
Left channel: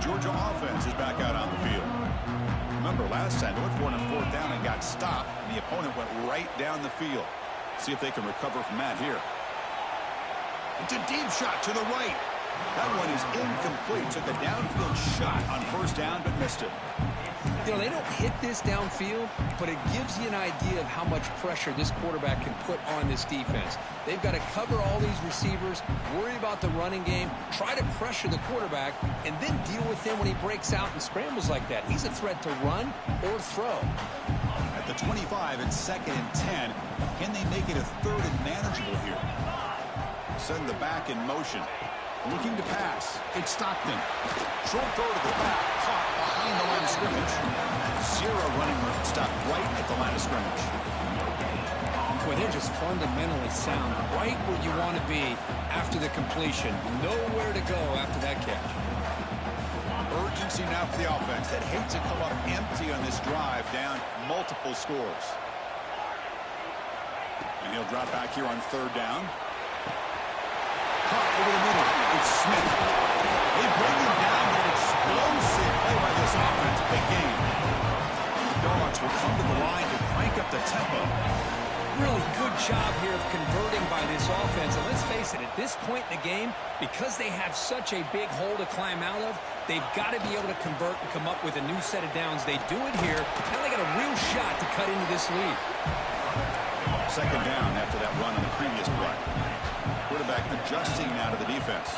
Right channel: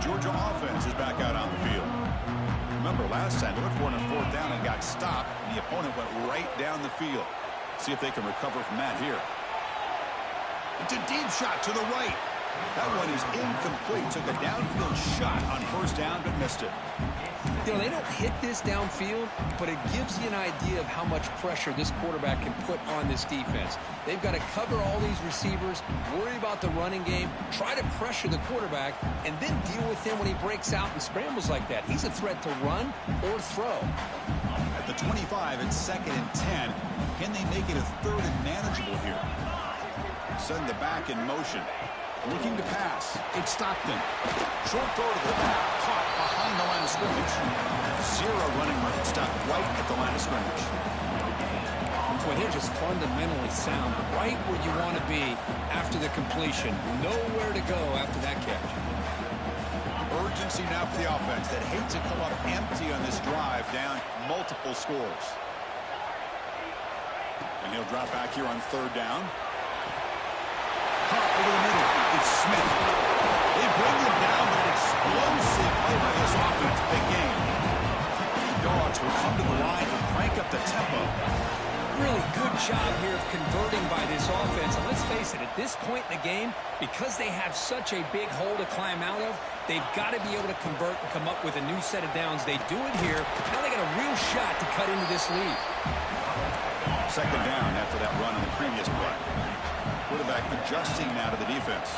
Georgia offense is back out on the field. Remember, last time they went for it on fourth down and got stopped, and the opponent went right down the field. See if they can recover from that here. It's a deep shot to the right. That one is incomplete. Took a downfield shot on first down, but missed it. You know, they don't hit this downfield, but it gives you an idea of how much pressure this quarterback can put on this defense. They've got to cover all these receivers, worry about the running game, try to pressure the quarterback, and then deal with him when he breaks out and scrambles like that. He's a threat to run or throw. At the 25, it's 2nd and 10. Can they make it a 3rd and manageable here? Send the back in motion. Looking to pass. It's Stockton. Short throw to the back. Caught behind the line of scrimmage. 0 running room. Stopped right at the line of scrimmage. Boy, they're just fundamentally sound. Right where you want to be after the completion. Nowhere to go after that catch. Urgency now for the offense that hates to come up empty on this drive, down multiple scores. And he'll drop back here on 3rd down. Caught over the middle. It's Smith. They bring him down, but an explosive play by this offense. Big game. The Dogs will come to the line to crank up the tempo. Really good job here of converting by this offense. And let's face it, at this point in the game, because they have such a big hole to climb out of, they've got to be able to convert and come up with a new set of downs. They do it here. Now they got a real shot to cut into this lead. Second down after that run on the previous play. Quarterback adjusting now to the defense.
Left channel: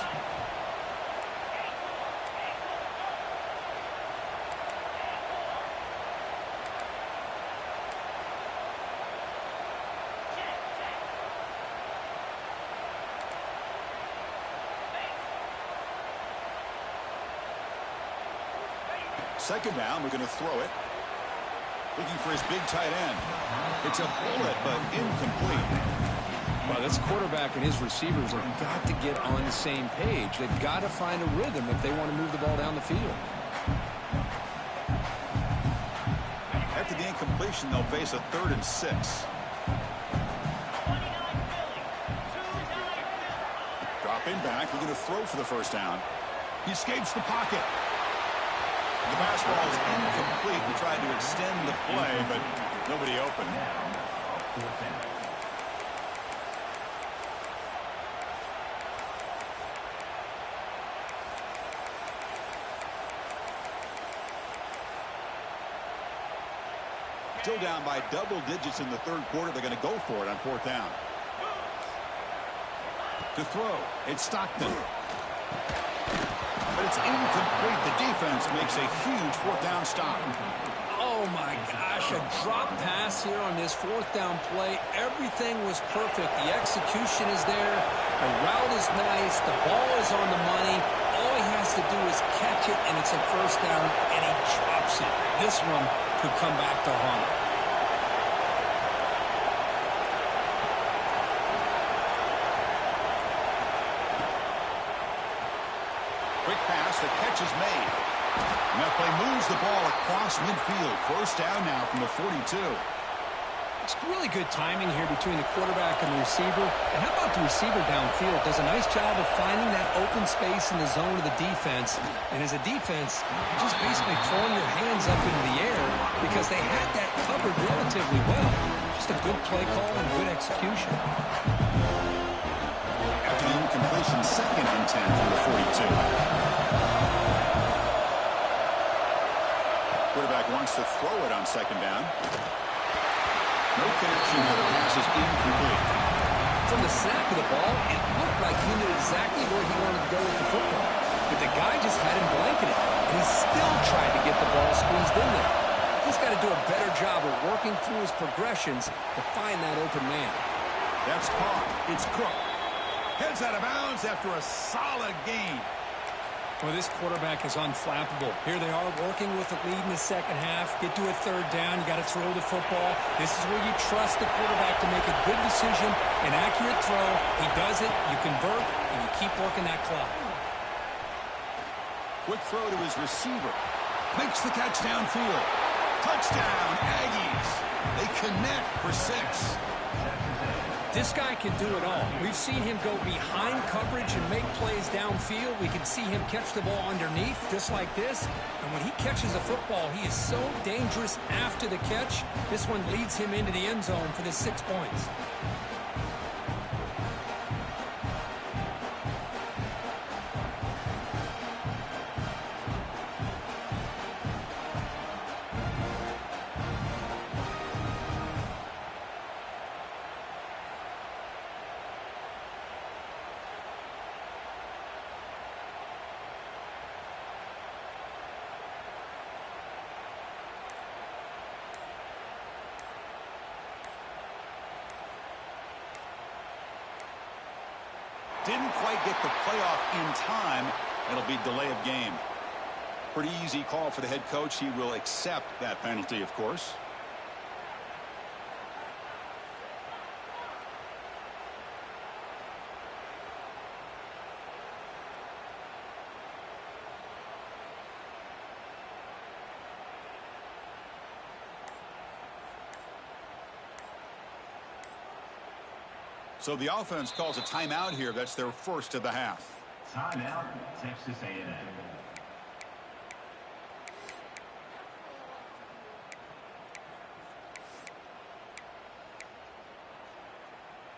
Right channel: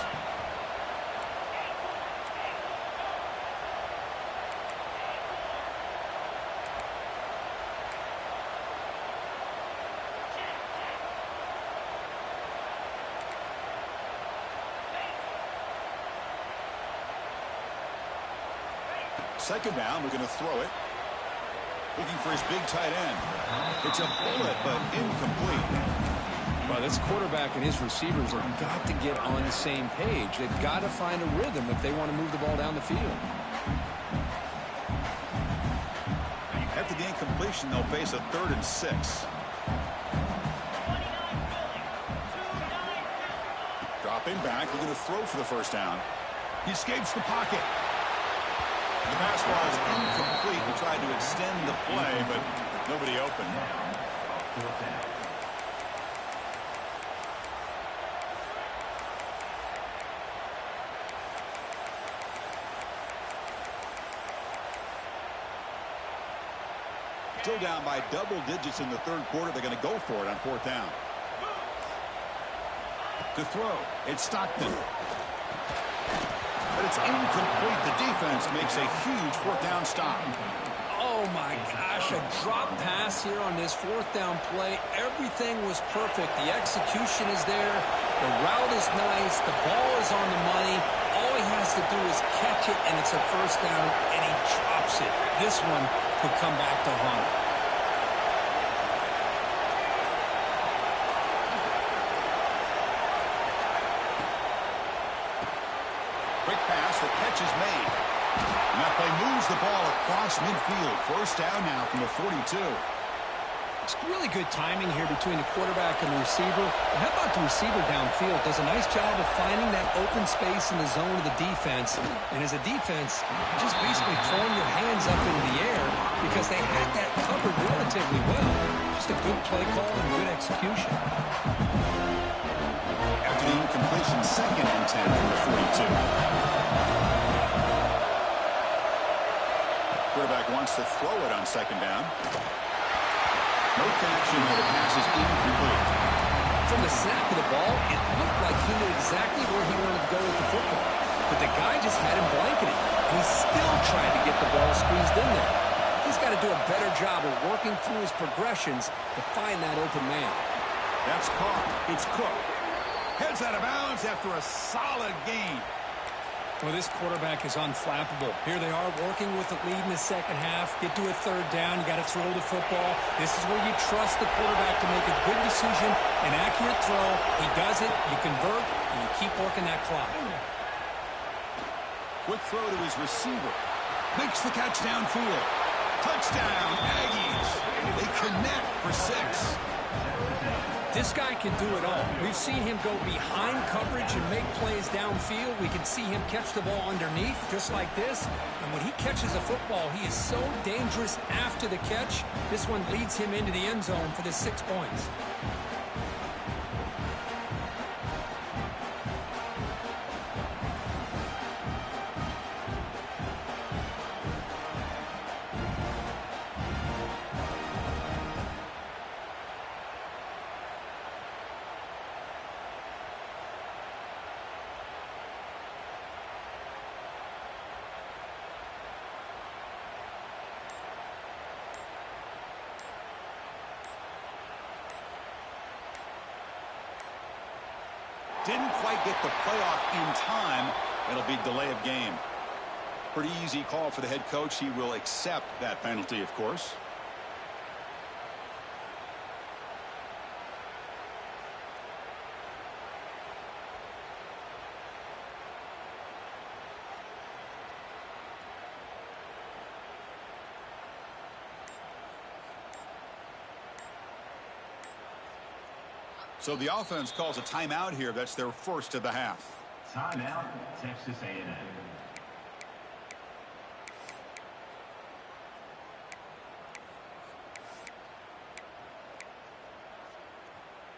Second down, we're going to throw it. Looking for his big tight end. It's a bullet, but incomplete. Well, this quarterback and his receivers have got to get on the same page. They've got to find a rhythm if they want to move the ball down the field. After the incompletion, they'll face a 3rd and 6. Dropping back, we're going to throw for the first down. He escapes the pocket. The pass ball is incomplete. He tried to extend the play, but nobody open. Still down by double digits in the 3rd quarter. They're going to go for it on 4th down. To throw, it's Stockton. But it's incomplete. The defense makes a huge 4th down stop. Oh, my gosh, a drop pass here on this 4th down play. Everything was perfect. The execution is there. The route is nice. The ball is on the money. All he has to do is catch it, and it's a 1st down, and he drops it. This one could come back to haunt him. Quick pass, the catch is made. And that play moves the ball across midfield. 1st down now from the 42. It's really good timing here between the quarterback and the receiver. And how about the receiver downfield? Does a nice job of finding that open space in the zone of the defense. And as a defense, you're just basically throwing your hands up into the air because they had that covered relatively well. Just a good play call and good execution. After the incompletion, 2nd and 10 from the 42. Quarterback wants to throw it on 2nd down. No connection there. The pass is incomplete. From the snap of the ball, it looked like he knew exactly where he wanted to go with the football. But the guy just had him blanketed, and he still tried to get the ball squeezed in there. He's got to do a better job of working through his progressions to find that open man. That's caught. It's Cook. Heads out of bounds after a solid gain. Well, this quarterback is unflappable. Here they are working with the lead in the 2nd half. Get to a 3rd down. You got to throw the football. This is where you trust the quarterback to make a good decision, an accurate throw. He does it. You convert, and you keep working that clock. Quick throw to his receiver. Makes the catch downfield. Touchdown, Aggies. They connect for 6. This guy can do it all. We've seen him go behind coverage and make plays downfield. We can see him catch the ball underneath just like this. And when he catches a football, he is so dangerous after the catch. This one leads him into the end zone for the 6 points. Didn't quite get the playoff in time. It'll be delay of game. Pretty easy call for the head coach. He will accept that penalty, of course. So the offense calls a timeout here. That's their first of the half. Timeout, Texas A&M.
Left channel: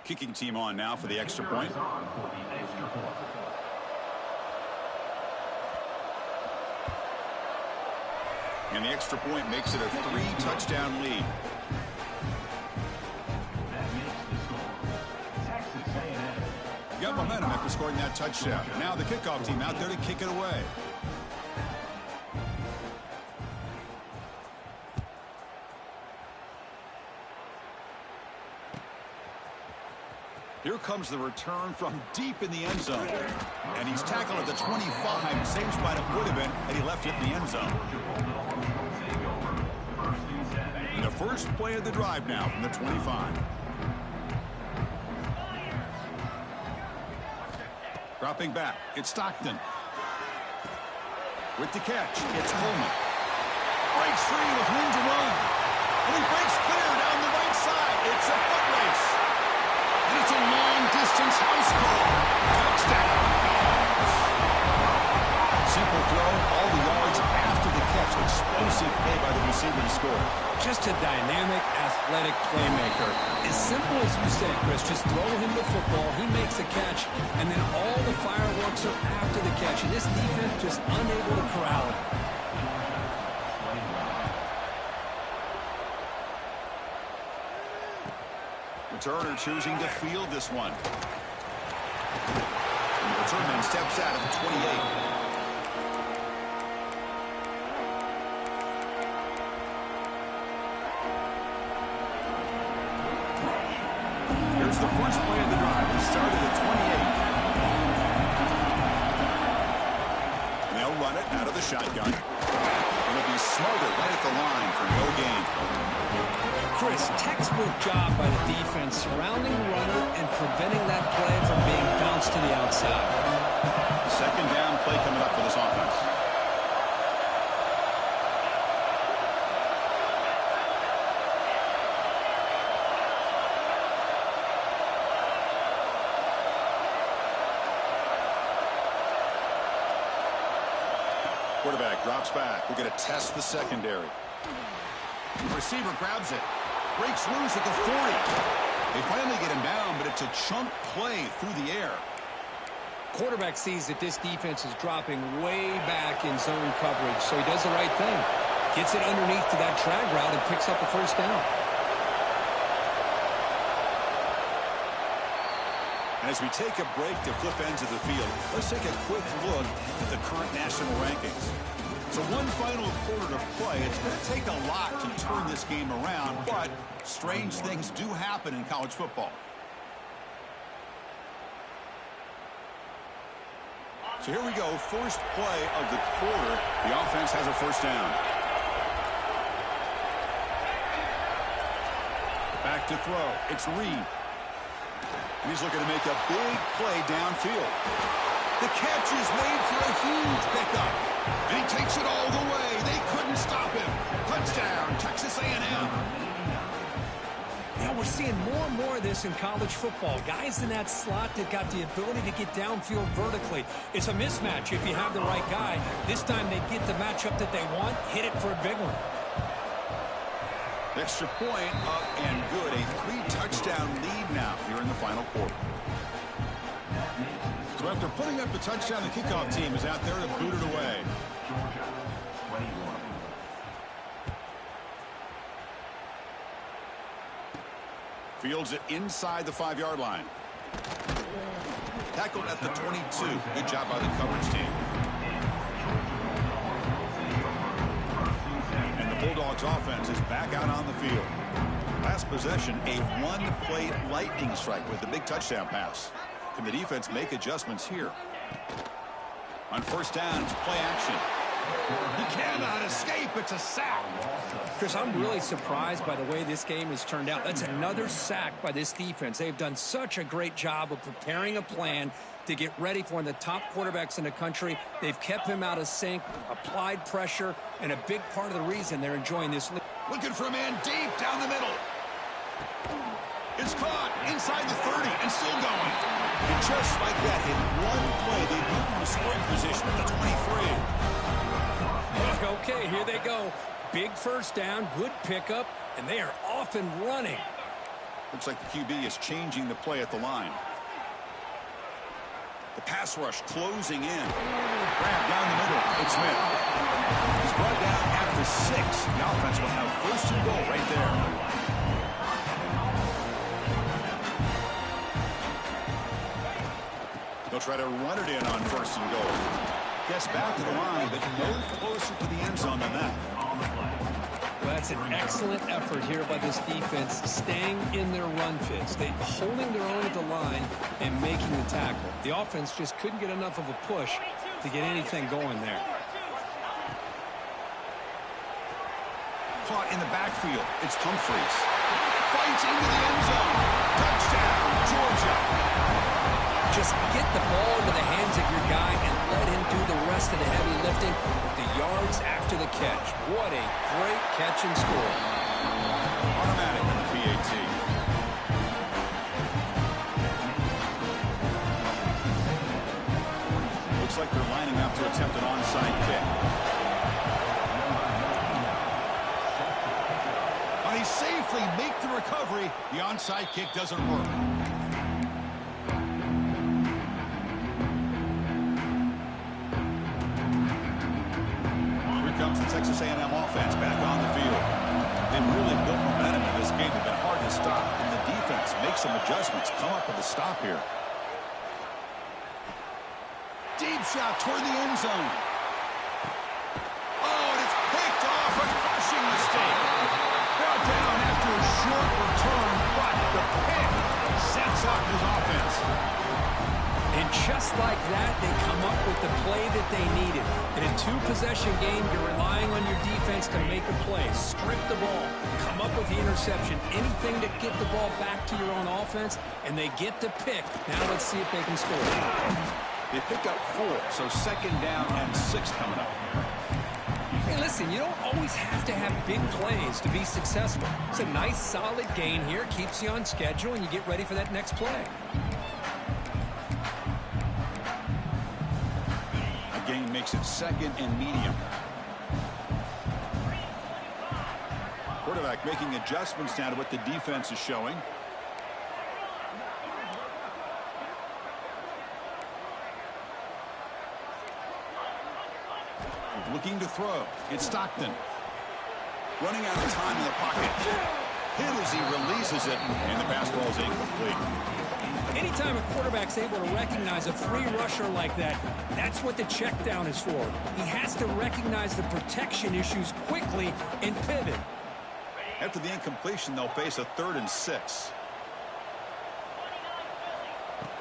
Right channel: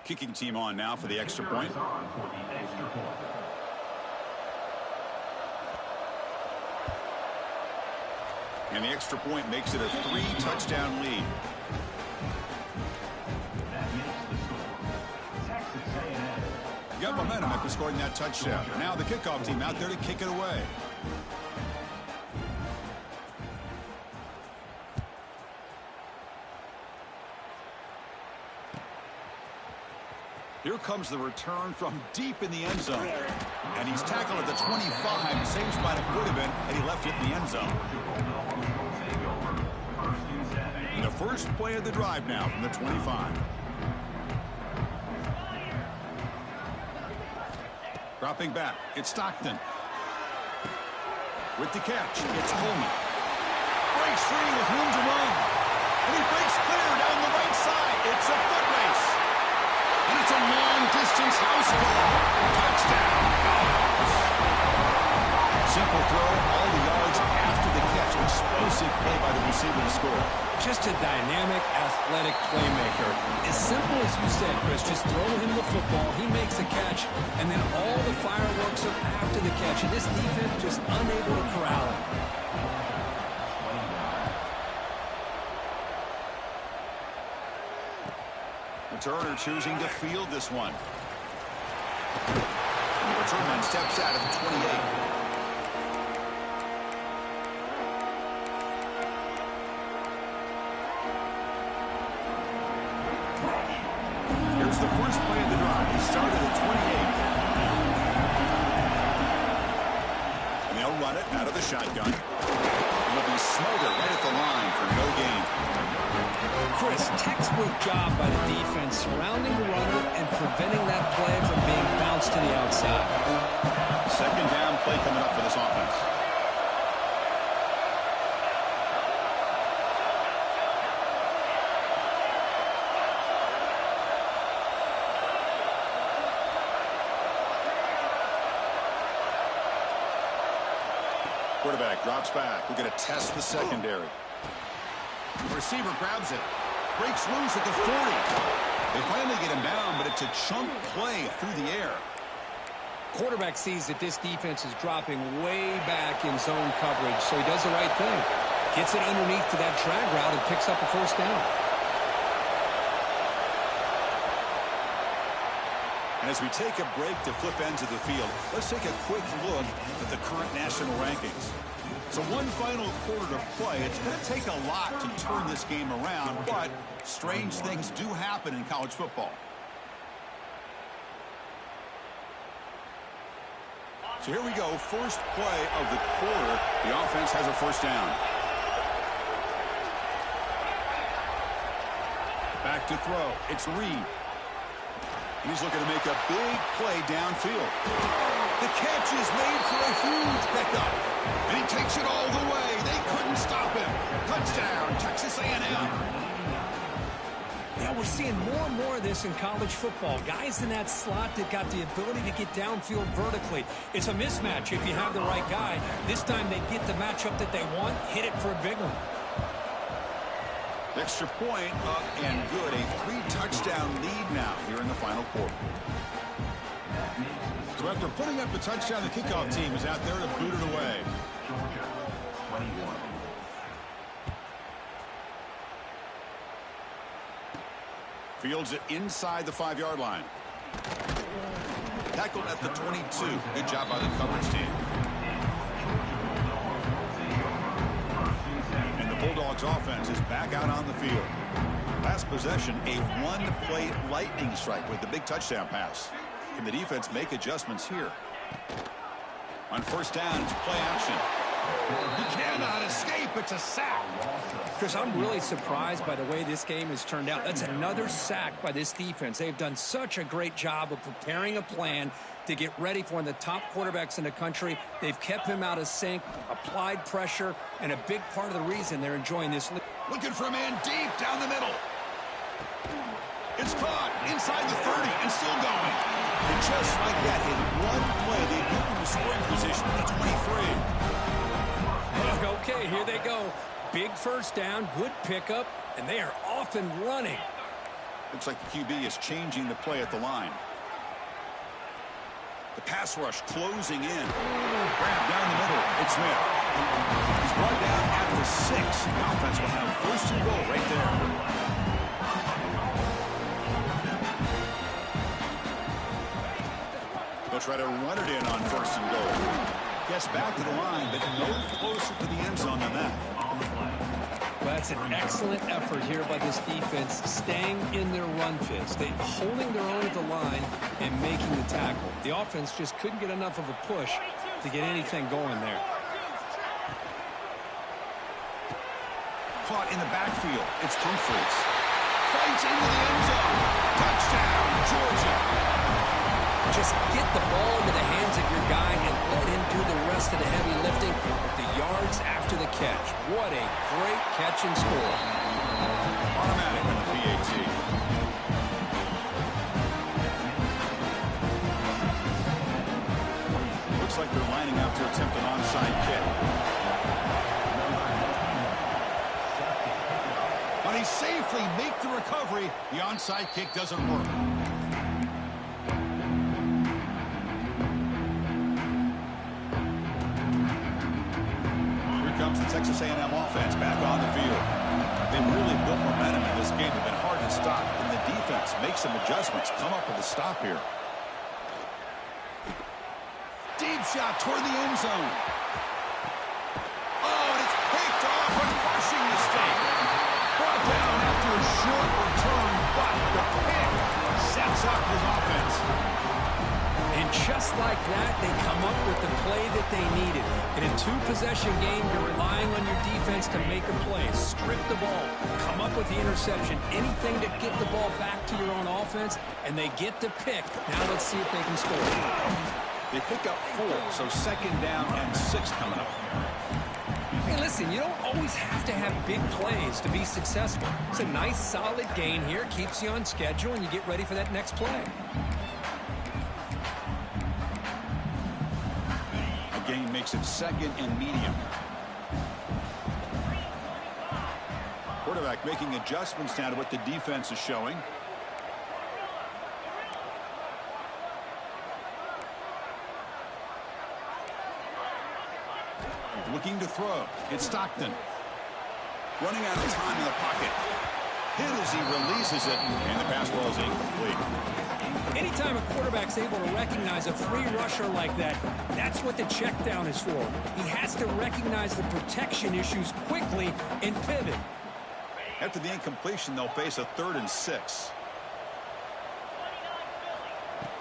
Kicking team on now for the extra point. And the extra point makes it a 3-touchdown lead. That makes the score. Texas A&M. You got momentum after scoring that touchdown. Now the kickoff team out there to kick it away. Here comes the return from deep in the end zone. And he's tackled at the 25. Same spot it would have been had he left it in the end zone. And the first play of the drive now from the 25. Dropping back, it's Stockton. With the catch, it's Coleman. Breaks free with room to run. And he breaks clear down the right side. It's a foot race. And it's a long-distance house call. Touchdown, Dogs. Simple throw, all the yards after the catch. Explosive play by the receiver to score. Just a dynamic, athletic playmaker. As simple as you said, Chris, just throw him the football, he makes the catch, and then all the fireworks are after the catch. And this defense just unable to corral him. Returner choosing to field this one. And the return man steps out at the 28. Here's the first play of the drive. They started at 28. And they'll run it out of the shotgun. It'll be smothered right at the line for no gain. Chris, textbook job by the defense surrounding the runner and preventing that play from being bounced to the outside. Second down play coming up for this offense. Quarterback drops back. We're going to test the secondary. The receiver grabs it. Breaks loose at the 40. They finally get him down, but it's a chunk play through the air. Quarterback sees that this defense is dropping way back in zone coverage, so he does the right thing. Gets it underneath to that drag route and picks up a first down. And as we take a break to flip ends of the field, let's take a quick look at the current national rankings. So one final quarter to play. It's going to take a lot to turn this game around, but strange things do happen in college football. So here we go, first play of the quarter. The offense has a first down. Back to throw. It's Reed. And he's looking to make a big play downfield. The catch is made for a huge pickup. And he takes it all the way. They couldn't stop him. Touchdown, Texas A&M. Yeah, we're seeing more and more of this in college football. Guys in that slot that got the ability to get downfield vertically. It's a mismatch if you have the right guy. This time they get the matchup that they want, hit it for a big one. Extra point up and good. A 3-touchdown lead now here in the final quarter. So after putting up the touchdown, the kickoff team is out there to boot it away. Georgia, 21. Fields it inside the 5-yard line. Tackled at the 22. Good job by the coverage team. And the Bulldogs offense is back out on the field. Last possession, a one-play lightning strike with the big touchdown pass. Can the defense make adjustments here? On first down, it's play action. He cannot escape. It's a sack. Chris, I'm really surprised by the way this game has turned out. That's another sack by this defense. They've done such a great job of preparing a plan to get ready for one of the top quarterbacks in the country. They've kept him out of sync, applied pressure, and a big part of the reason they're enjoying this league. Looking for a man deep down the middle. It's caught inside the 30 and still going. And just like that, in one play, they moved him to scoring position at the 23. Okay, here they go. Big first down, good pickup, and they are off and running. Looks like the QB is changing the play at the line. The pass rush closing in. Grab down the middle. It's Smith. He's brought down at the 6. The offense will have first and goal right there. They'll try to run it in on first and goal. Gets back to the line, but no closer to the end zone than that. Well, that's an excellent effort here by this defense, staying in their run fits. They holding their own at the line and making the tackle. The offense just couldn't get enough of a push to get anything going there. Caught in the backfield. It's Humphreys. Fights into the end zone. Touchdown, Georgia. Just get the ball into the hands of your guy and let him do the rest of the heavy lifting with the yards after the catch. What a great catch and score. Automatic on the PAT. Looks like they're lining up to attempt an onside kick. But he safely make the recovery. The onside kick doesn't work. Comes the Texas A&M offense back on the field. They really built momentum in this game. They've been hard to stop, and the defense makes some adjustments, come up with a stop here. Deep shot toward the end zone. Oh, and it's picked off, a crushing mistake. Brought down after a short return, but the pick sets up his offense. And just like that, they come up with the play that they needed. In a two-possession game, you're relying on your defense to make a play. Strip the ball. Come up with the interception. Anything to get the ball back to your own offense, and they get the pick. Now let's see if they can score. They pick up 4, so second down and 6 coming up. Hey, listen, you don't always have to have big plays to be successful. It's a nice, solid gain here. Keeps you on schedule, and you get ready for that next play. Gain makes it second and medium. Quarterback making adjustments now to what the defense is showing. Looking to throw. It's Stockton. Running out of time in the pocket. Hit as he releases it, and the pass ball is incomplete. Anytime a quarterback's able to recognize a free rusher like that, that's what the check down is for. He has to recognize the protection issues quickly and pivot. After the incompletion, they'll face a 3rd and 6.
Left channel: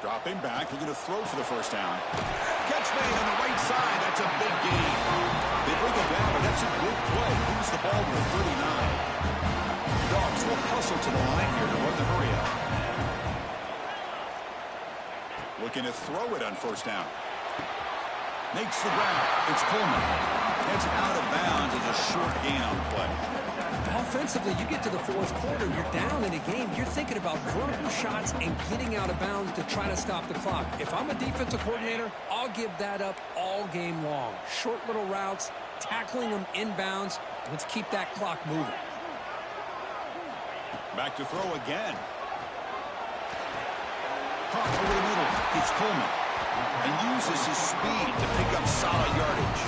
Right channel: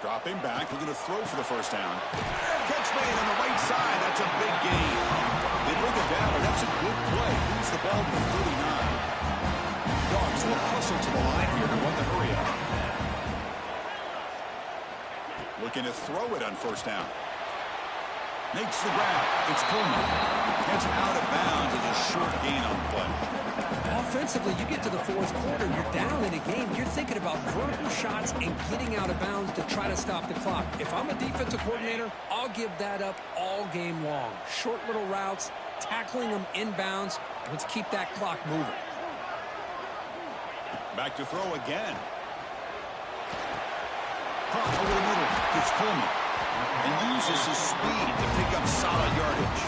Dropping back, looking to throw for the first down. Catch made on the right side. That's a big gain. They bring him down, but that's a good play. Moves the ball to the 39. Dogs will hustle to the line here to run the hurry up. Looking to throw it on first down. Makes the grab. It's Coleman. It's out of bounds. It's a short gain on the play. Offensively, you get to the 4th quarter, you're down in a game. You're thinking about vertical shots and getting out of bounds to try to stop the clock. If I'm a defensive coordinator, I'll give that up all game long. Short little routes, tackling them inbounds. Let's keep that clock moving. Back to throw again. Caught over the middle. It's Coleman. And uses his speed to pick up solid yardage.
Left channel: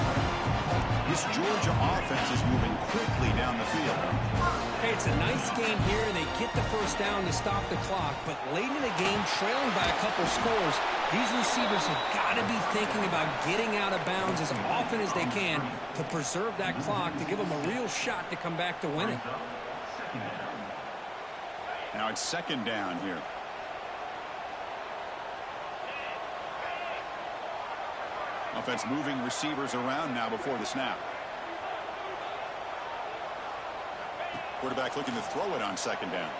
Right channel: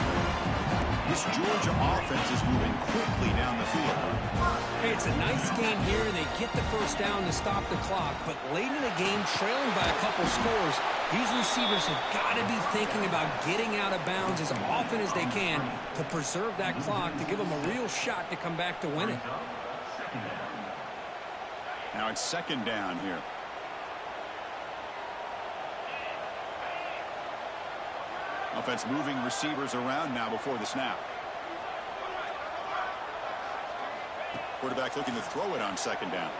This Georgia offense is moving quickly down the field. Hey, it's a nice gain here. They get the first down to stop the clock. But late in the game, trailing by a couple scores, these receivers have got to be thinking about getting out of bounds as often as they can to preserve that clock, to give them a real shot to come back to win it. Now it's second down here. Offense moving receivers around now before the snap. Quarterback looking to throw it on second down.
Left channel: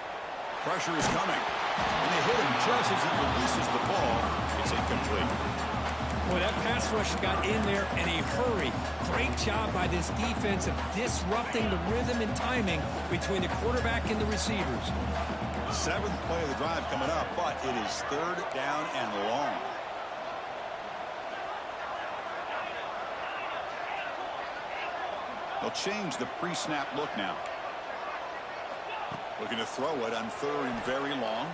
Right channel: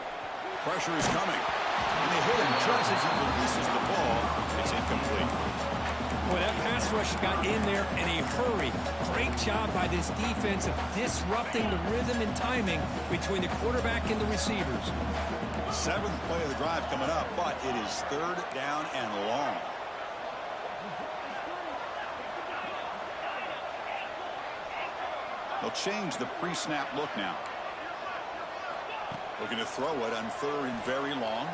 Pressure is coming. And they hit him just as he releases the ball. It's incomplete. Boy, that pass rush got in there in a hurry. Great job by this defense of disrupting the rhythm and timing between the quarterback and the receivers. 7th play of the drive coming up, but it is 3rd down and long. They'll change the pre-snap look now. Looking to throw it on 3rd and very long.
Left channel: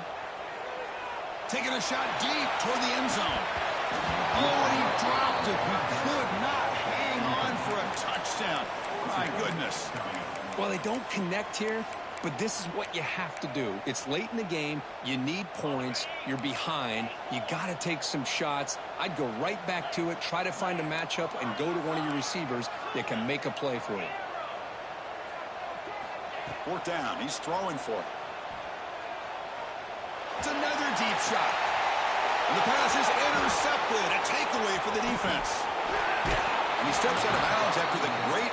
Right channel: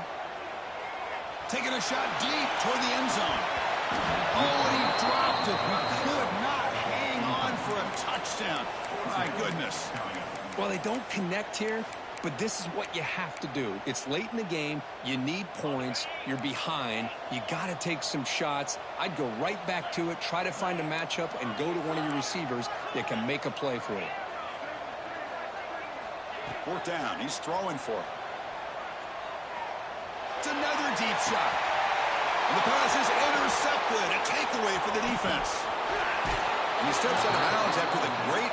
Taking a shot deep toward the end zone. Oh, and he dropped it. He could not hang on for a touchdown. My goodness. Well, they don't connect here, but this is what you have to do. It's late in the game. You need points. You're behind. You got to take some shots. I'd go right back to it, try to find a matchup, and go to one of your receivers that can make a play for you. 4th down. He's throwing for it. It's another deep shot. And the pass is intercepted. A takeaway for the defense. And he steps out of bounds after the great